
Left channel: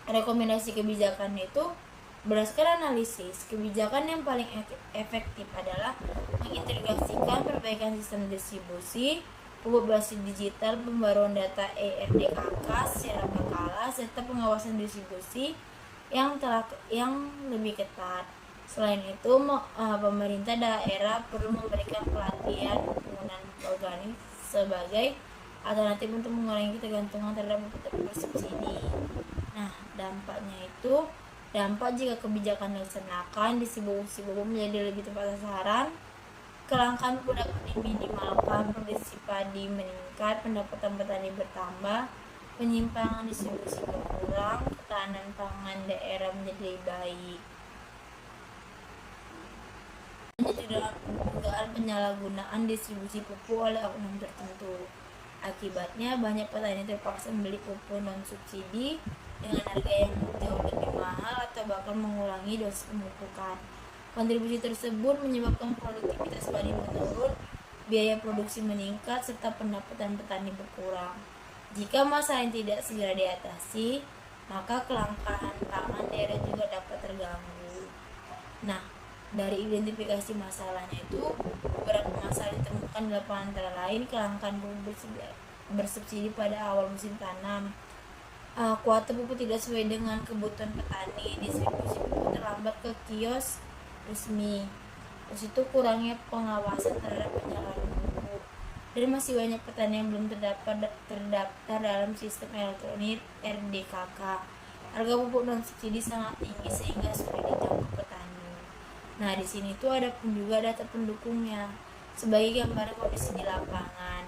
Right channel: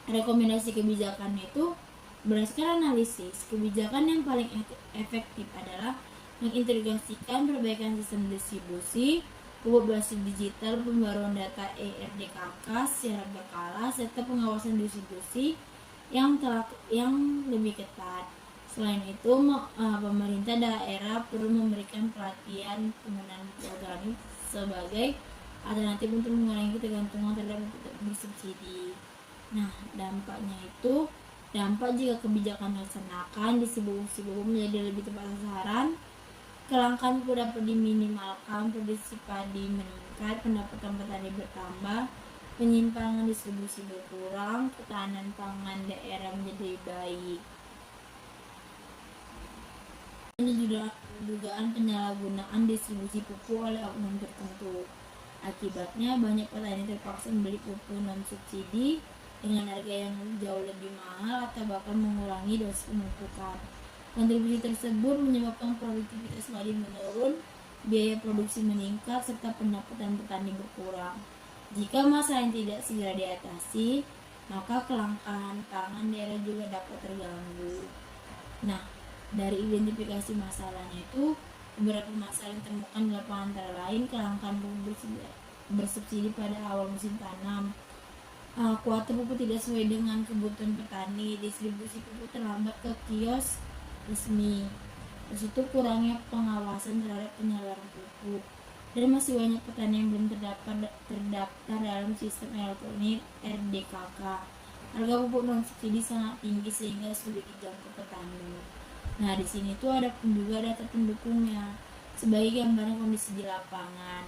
rekomendasi kebijakan itu berdasarkan analisis, kebijakan yang paling efektif adalah mengintegrasikan perbaikan sistem distribusi pupuk berbasis digital, pembaruan data ERDKK secara berkala, serta pengawasan distribusi yang lebih ketat. Selain itu, pemerintah daerah perlu memberikan pelatihan penggunaan pupuk organik sebagai alternatif untuk mengurangi ketergantungan terhadap pupuk bersubsidi. Nah, dampak jika kebijakan dilaksanakan, distribusi pupuk menjadi lebih tepat sasaran, kelangkaan pupuk dapat diminimalkan, produksi padi meningkat, pendapatan petani bertambah, penyimpangan distribusi berkurang, ketahanan pangan daerah menjadi baik. Ini juga dugaan penyalahgunaan distribusi pupuk oleh oknum tertentu. Akibatnya banyak petani terpaksa membeli pupuk non subsidi dengan harga yang jauh lebih mahal atau bahkan mengurangi dosis pemupukan. Kontribusi tersebut menyebabkan produktivitas padi menurun, biaya produksi meningkat, serta pendapatan petani berkurang. Jika masalah yang tidak segera diatasi, maka kelangkaan pangan daerah juga dapat terganggu. Nah, dari identifikasi masalahnya itu, beberapa masalah yang ditemukan di lapangan antara lain kelangkaan pupuk bersubsidi pada awal musim tanam, kuota pupuk tidak sesuai dengan kebutuhan petani, distribusi pupuk terlambat ke kios resmi, terus itu kurangnya pengawasan terhadap penyaluran pupuk, dan masih banyak petani yang belum terdaftar dalam sistem elektronik RDKK. Harga pupuk non subsidi sangat tinggi sehingga sulit dijangkau petani. Nah, di sini tuh ada juga data pendukungnya. Sebagai gambaran kondisi di lapangan,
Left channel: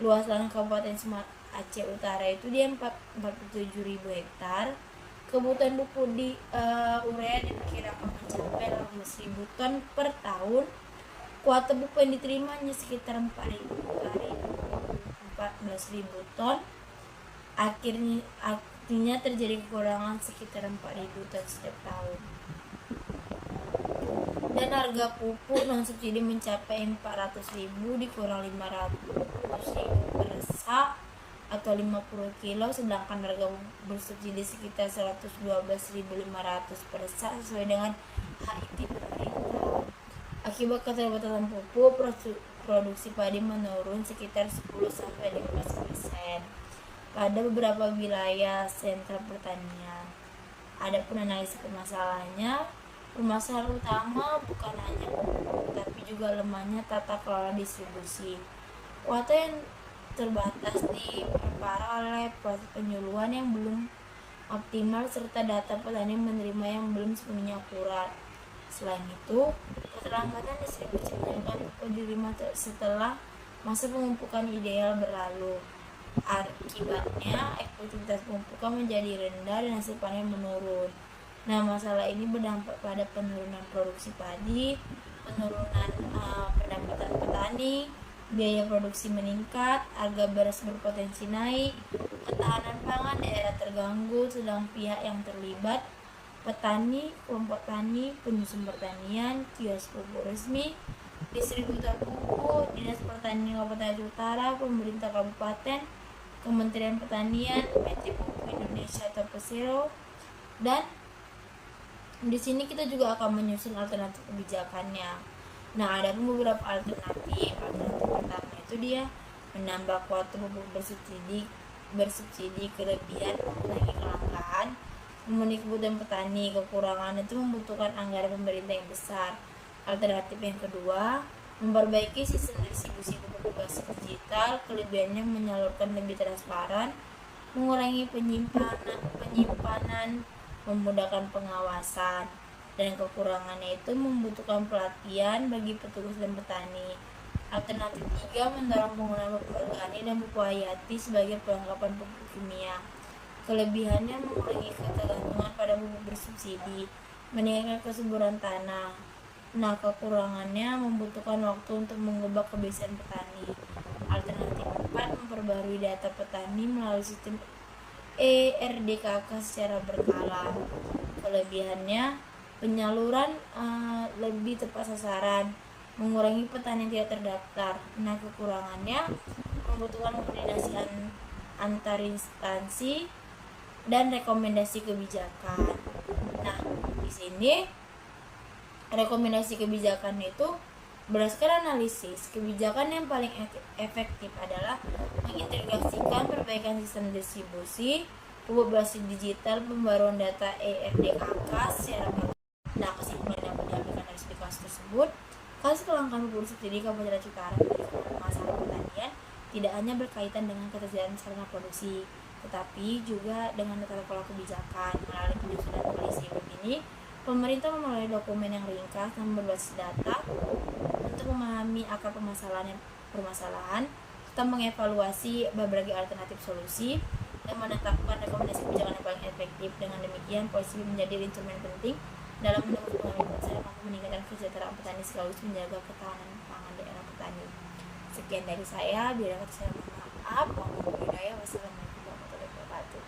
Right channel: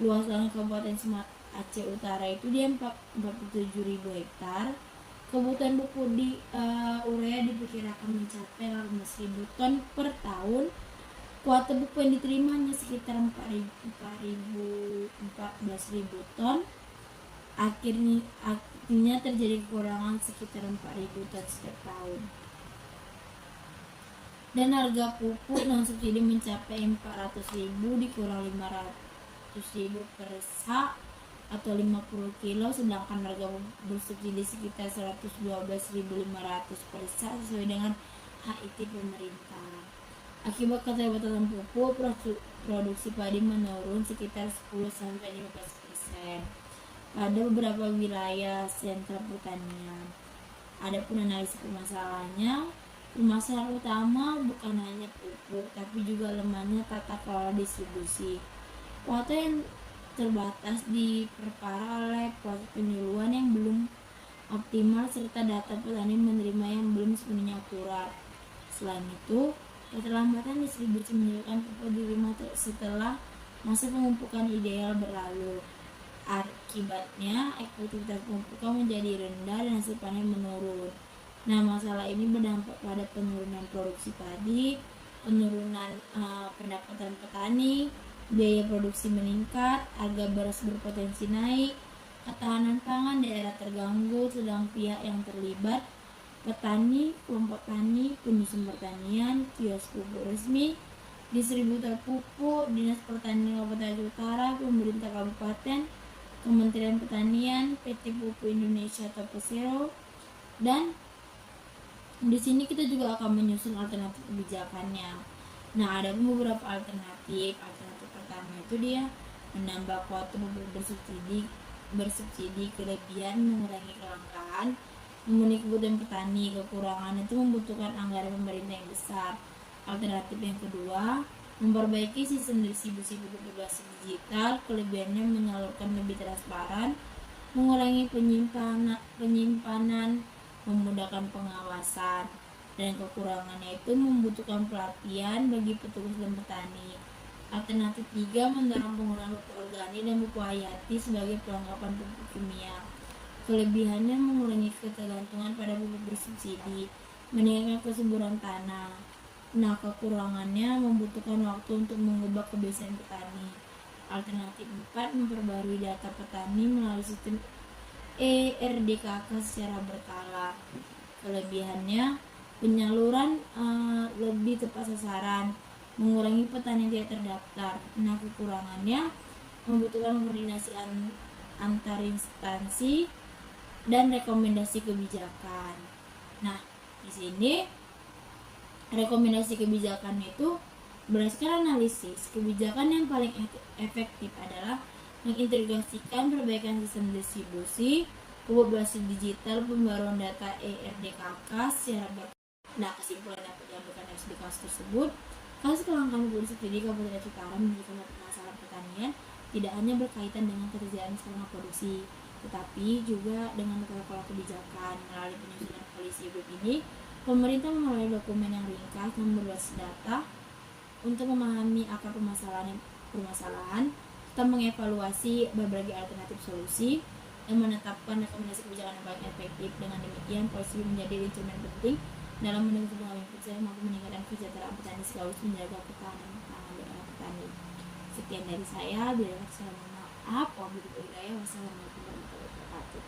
luas lahan Kabupaten Aceh Utara itu dia 47.000 hektar. Kebutuhan pupuk di urea diperkirakan mencapai 18.000 ton per tahun. Kuota pupuk yang diterima hanya sekitar 14.000 ton. Artinya terjadi kekurangan sekitar 4.000 ton setiap tahun. Dan harga pupuk non subsidi mencapai 400.000 dikurang 500.000 per sak atau 50 kilo, sedangkan harga bersubsidi sekitar 112.500 per sak sesuai dengan HIT pemerintah. Akibat keterbatasan pupuk, produksi padi menurun sekitar 10-15% pada beberapa wilayah sentra pertanian. Adapun analisis permasalahannya, permasalahan utama bukan hanya pupuk, tapi juga lemahnya tata kelola distribusi. Kuota yang terbatas diperparah oleh proses penyuluhan yang belum optimal serta data petani menerima yang belum sepenuhnya akurat. Selain itu, keterlambatan distribusi menyebabkan pupuk diterima setelah masa pemupukan ideal berlalu. Akibatnya, efektivitas pemupukan menjadi rendah dan hasil panen menurun. Nah, masalah ini berdampak pada penurunan produksi padi, penurunan pendapatan petani, biaya produksi meningkat, harga beras berpotensi naik, ketahanan pangan daerah terganggu, sedang pihak yang terlibat, petani, kelompok tani, penyusun pertanian, kios pupuk resmi, distributor pupuk, Dinas Pertanian Kabupaten Aceh Utara, pemerintah kabupaten, Kementerian Pertanian, PT Pupuk Indonesia atau Persero, dan di sini kita juga akan menyusun alternatif kebijakannya. Nah, ada beberapa alternatif. Alternatif pertama itu dia menambah kuota pupuk bersubsidi kelebihan, mengurangi kelangkaan, memenuhi kebutuhan petani. Kekurangan itu membutuhkan anggaran pemerintah yang besar. Alternatif yang kedua, memperbaiki sistem distribusi pupuk berbasis digital. Kelebihannya menyalurkan lebih transparan, mengurangi penyimpanan, memudahkan pengawasan. Dan kekurangannya itu membutuhkan pelatihan bagi petugas dan petani. Alternatif 3, mendorong penggunaan pupuk organik dan pupuk hayati sebagai pelengkapan pupuk kimia. Kelebihannya mengurangi ketergantungan pada pupuk bersubsidi, meningkatkan kesuburan tanah. Nah, kekurangannya membutuhkan waktu untuk mengubah kebiasaan petani. Alternatif 4, memperbarui data petani melalui sistem ERDKK secara berkala. Kelebihannya penyaluran lebih tepat sasaran, mengurangi petani yang tidak terdaftar. Nah, kekurangannya membutuhkan koordinasi antar instansi dan rekomendasi kebijakan. Nah, di sini rekomendasi kebijakan itu berdasarkan analisis, kebijakan yang paling efektif adalah mengintegrasikan perbaikan sistem distribusi pupuk berbasis digital, pembaruan data ERDKK secara. Nah, kesimpulan yang diambilkan dari kasus tersebut, kasus kelangkaan pupuk subsidi Kabupaten Aceh Utara menjadi masalah pertanian tidak hanya berkaitan dengan ketersediaan sarana produksi, tetapi juga dengan tata kelola kebijakan. Melalui penyusunan polisi begini, pemerintah melalui dokumen yang ringkas dan berbasis data untuk memahami akar permasalahan, serta mengevaluasi berbagai alternatif solusi dan menetapkan rekomendasi kebijakan yang paling efektif. Dengan demikian, polisi menjadi instrumen penting dalam mendukung pengambilan keputusan mampu meningkatkan kesejahteraan petani sekaligus menjaga ketahanan pangan daerah petani. Sekian dari saya, bila saya mohon maaf Maaf, wabillahi hidayah. Wassalamualaikum warahmatullahi wabarakatuh.